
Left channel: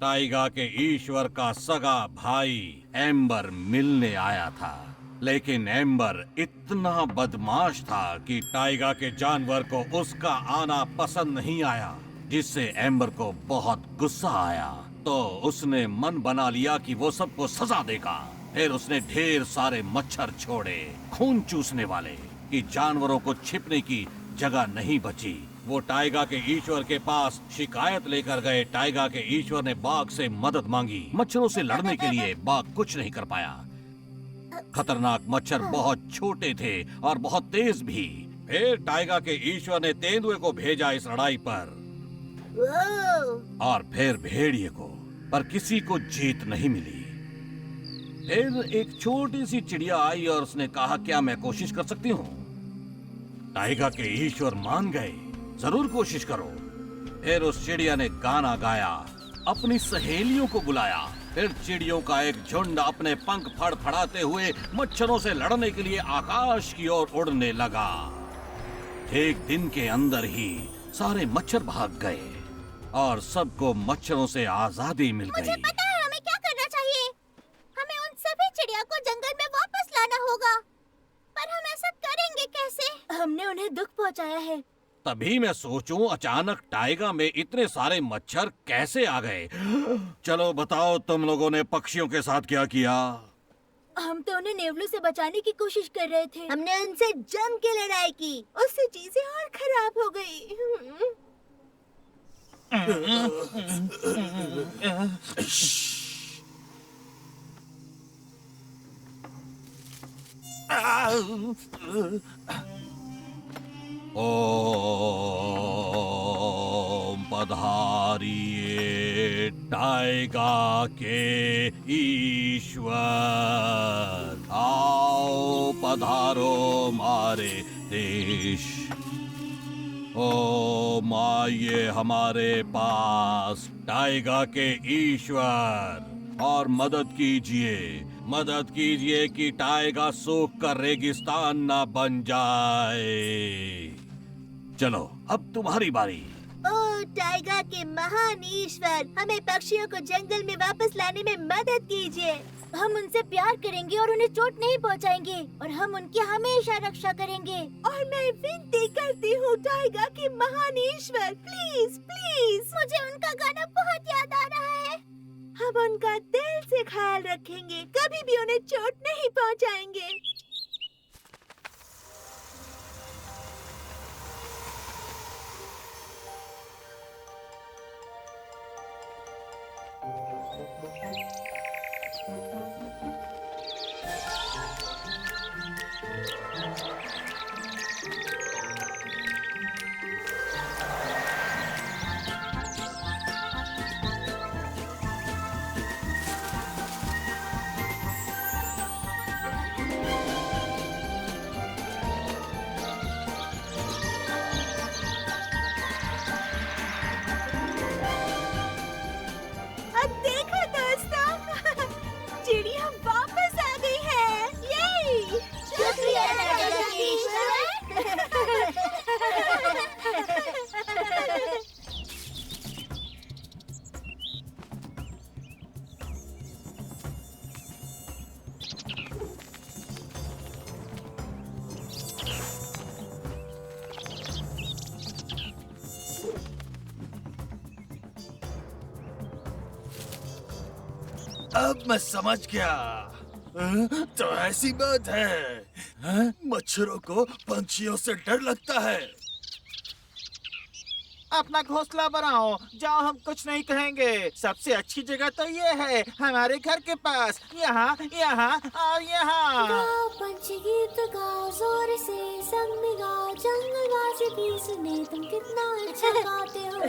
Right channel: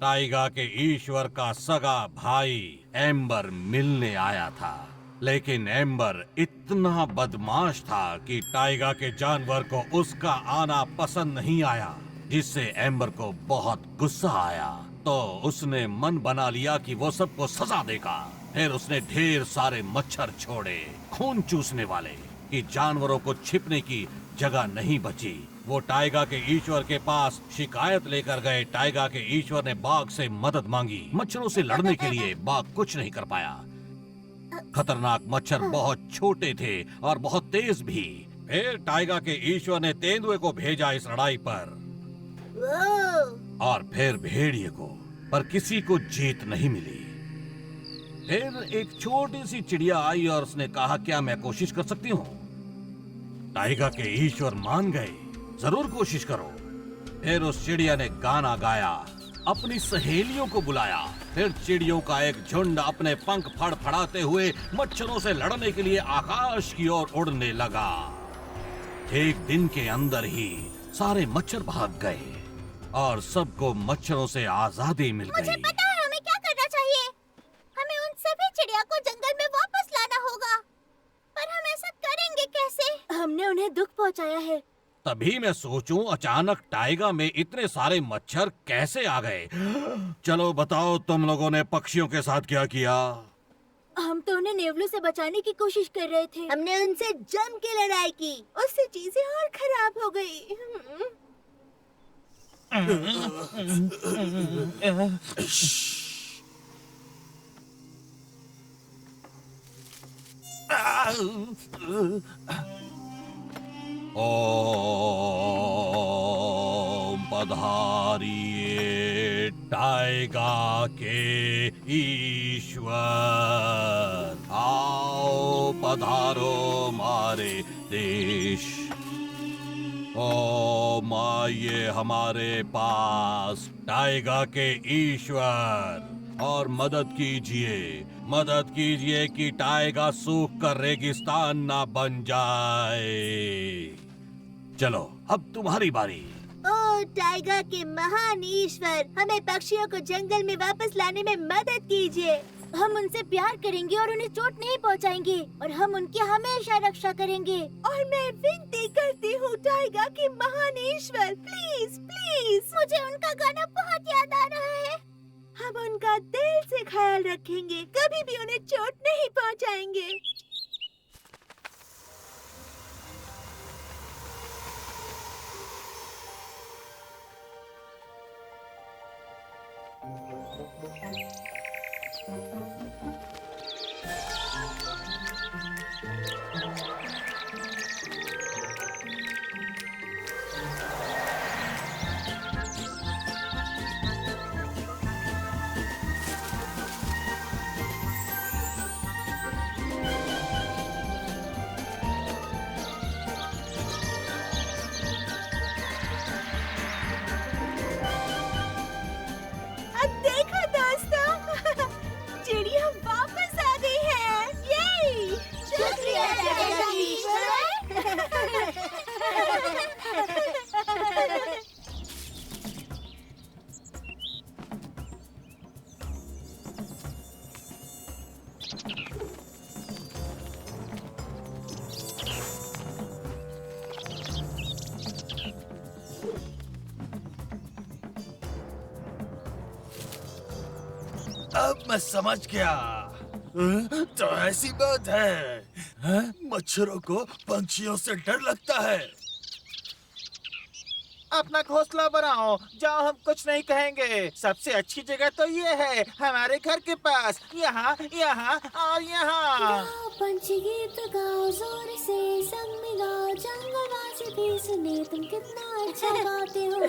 टाइगा के ईश्वर का सगा भाई एम्बर मिलने आया था, लेकिन एम्बर इतना बदमाश था कि टाइगा के जानवर को उसका आना पसंद नहीं आया, जिससे एम्बर को बहुत गुस्सा आया। तो उसने मन बना लिया कि वो सबको सजा देगा। फिर उसने ढेर सारे मच्छर छोड़े, खून चूसने वाले, कि जानवरों को छिपने की जगह नहीं बची। वो टाइगा के ईश्वर के पास शिकायत लेकर गए। टाइगा के ईश्वर ने बाघ से मदद मांगी। मच्छरों से लड़ने के लिए बाघ कुछ नहीं कर पाया। खतरनाक मच्छर बहुत छोटे थे और बहुत तेज भी। फिर टाइगा के ईश्वर ने तेंदुए को भेजा इस लड़ाई पर, और फिर भेड़िए को, पर किसी को जीत नहीं मिली। फिर एक छोटी सी चिड़िया आई और उसने कहा, क्या मैं कोशिश कर सकती हूँ? टाइगा के ईश्वर मान गए, जरूर कोशिश करो। फिर उस चिड़िया ने गाना गाया, अपनी सहेलियों को बुलाया। फिर चिड़ियों का एक झुंड अपने पंख फड़फड़ाते हुए मच्छरों से लड़ने के लिए आकाश की ओर उड़ने लगा। एक दिन के अंदर ही सारे मच्छर भाग गए और सबको मच्छरों से आजादी मिल मुझे गई। पता है हमें क्या करना चाहिए। हमें उन सभी चिड़िया को जंगल में वापस लाना होगा। पर हम ऐसा करेंगे कैसे? हमने उन्हें दुख पहुंचाया है। तभी मैं सोचूं, अचानक टाइगा में इतने सारे मच्छर कैसे आ गए? चलो बताओ, तुम लोगों ने पक्षियों के साथ क्या किया? हम तो उन्हें नेवलों से बचाने की कोशिश कर रहे थे। हमने उनसे जम के लड़ाई की, उससे चीजें और खराब हो गई। ओम पधारिए टाइगा के ईश्वर, आओ पधारो मारे देश। ओम आइए हमारे पास टाइगा के ईश्वर, और मदद कीजिए कि टाइगा सूख कर रेगिस्तान ना बन जाए। चलो अब तुम्हारी बारी। ओ टाइगर के महान ईश्वर, हमें पक्षियों को जंगल में वापस लाने में मदद कीजिए। हम उनसे प्यार करेंगे और उन्हें चोट नहीं पहुंचाएंगे, और हम उनकी हमेशा रक्षा करेंगे। और मैं विनती करती हूँ टाइगर के महान ईश्वर, प्लीज प्लीज, मुझे उनका गाना बहुत याद आ रहा है। हम उनका दिल से ख्याल रखेंगे, कभी भी उन्हें चोट नहीं पहुँचाएंगे। अब देखो दोस्तों, चिड़िया वापस आ गई है। ये शुक्रिया टाइगर के ईश्वर। अब मैं समझ गया। तो ऐसी बात है, मच्छरों को पंछियों से डर लगता है। अपना घोंसला बनाओ, जाओ, हम कुछ नहीं कहेंगे। सबसे अच्छी जगह तो ये है, हमारे घर के पास, यहाँ यहाँ और यहाँ। गाओ पंछी गीत गाओ, जोर से संग में गाओ, जंगलवासी भी सुने तुम कितना अच्छा गाते हो।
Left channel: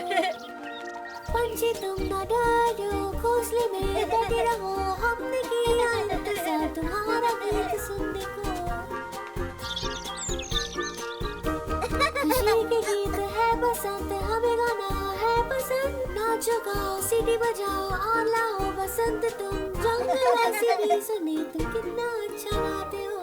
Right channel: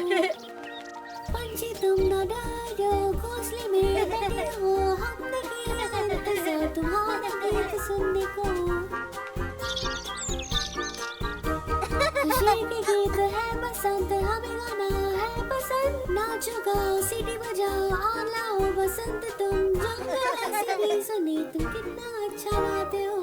पंछी तुम न डरो, घोंसले में डटे रहो, हमने किया इंतजार तुम्हारा गीत सुनने को। खुशी के गीत है बसंत, हमें गाना है पसंद। नाचो गाओ सीटी बजाओ और लाओ बसंत तुम, जंगलवासी भी सुने तुम कितना अच्छा गाते हो।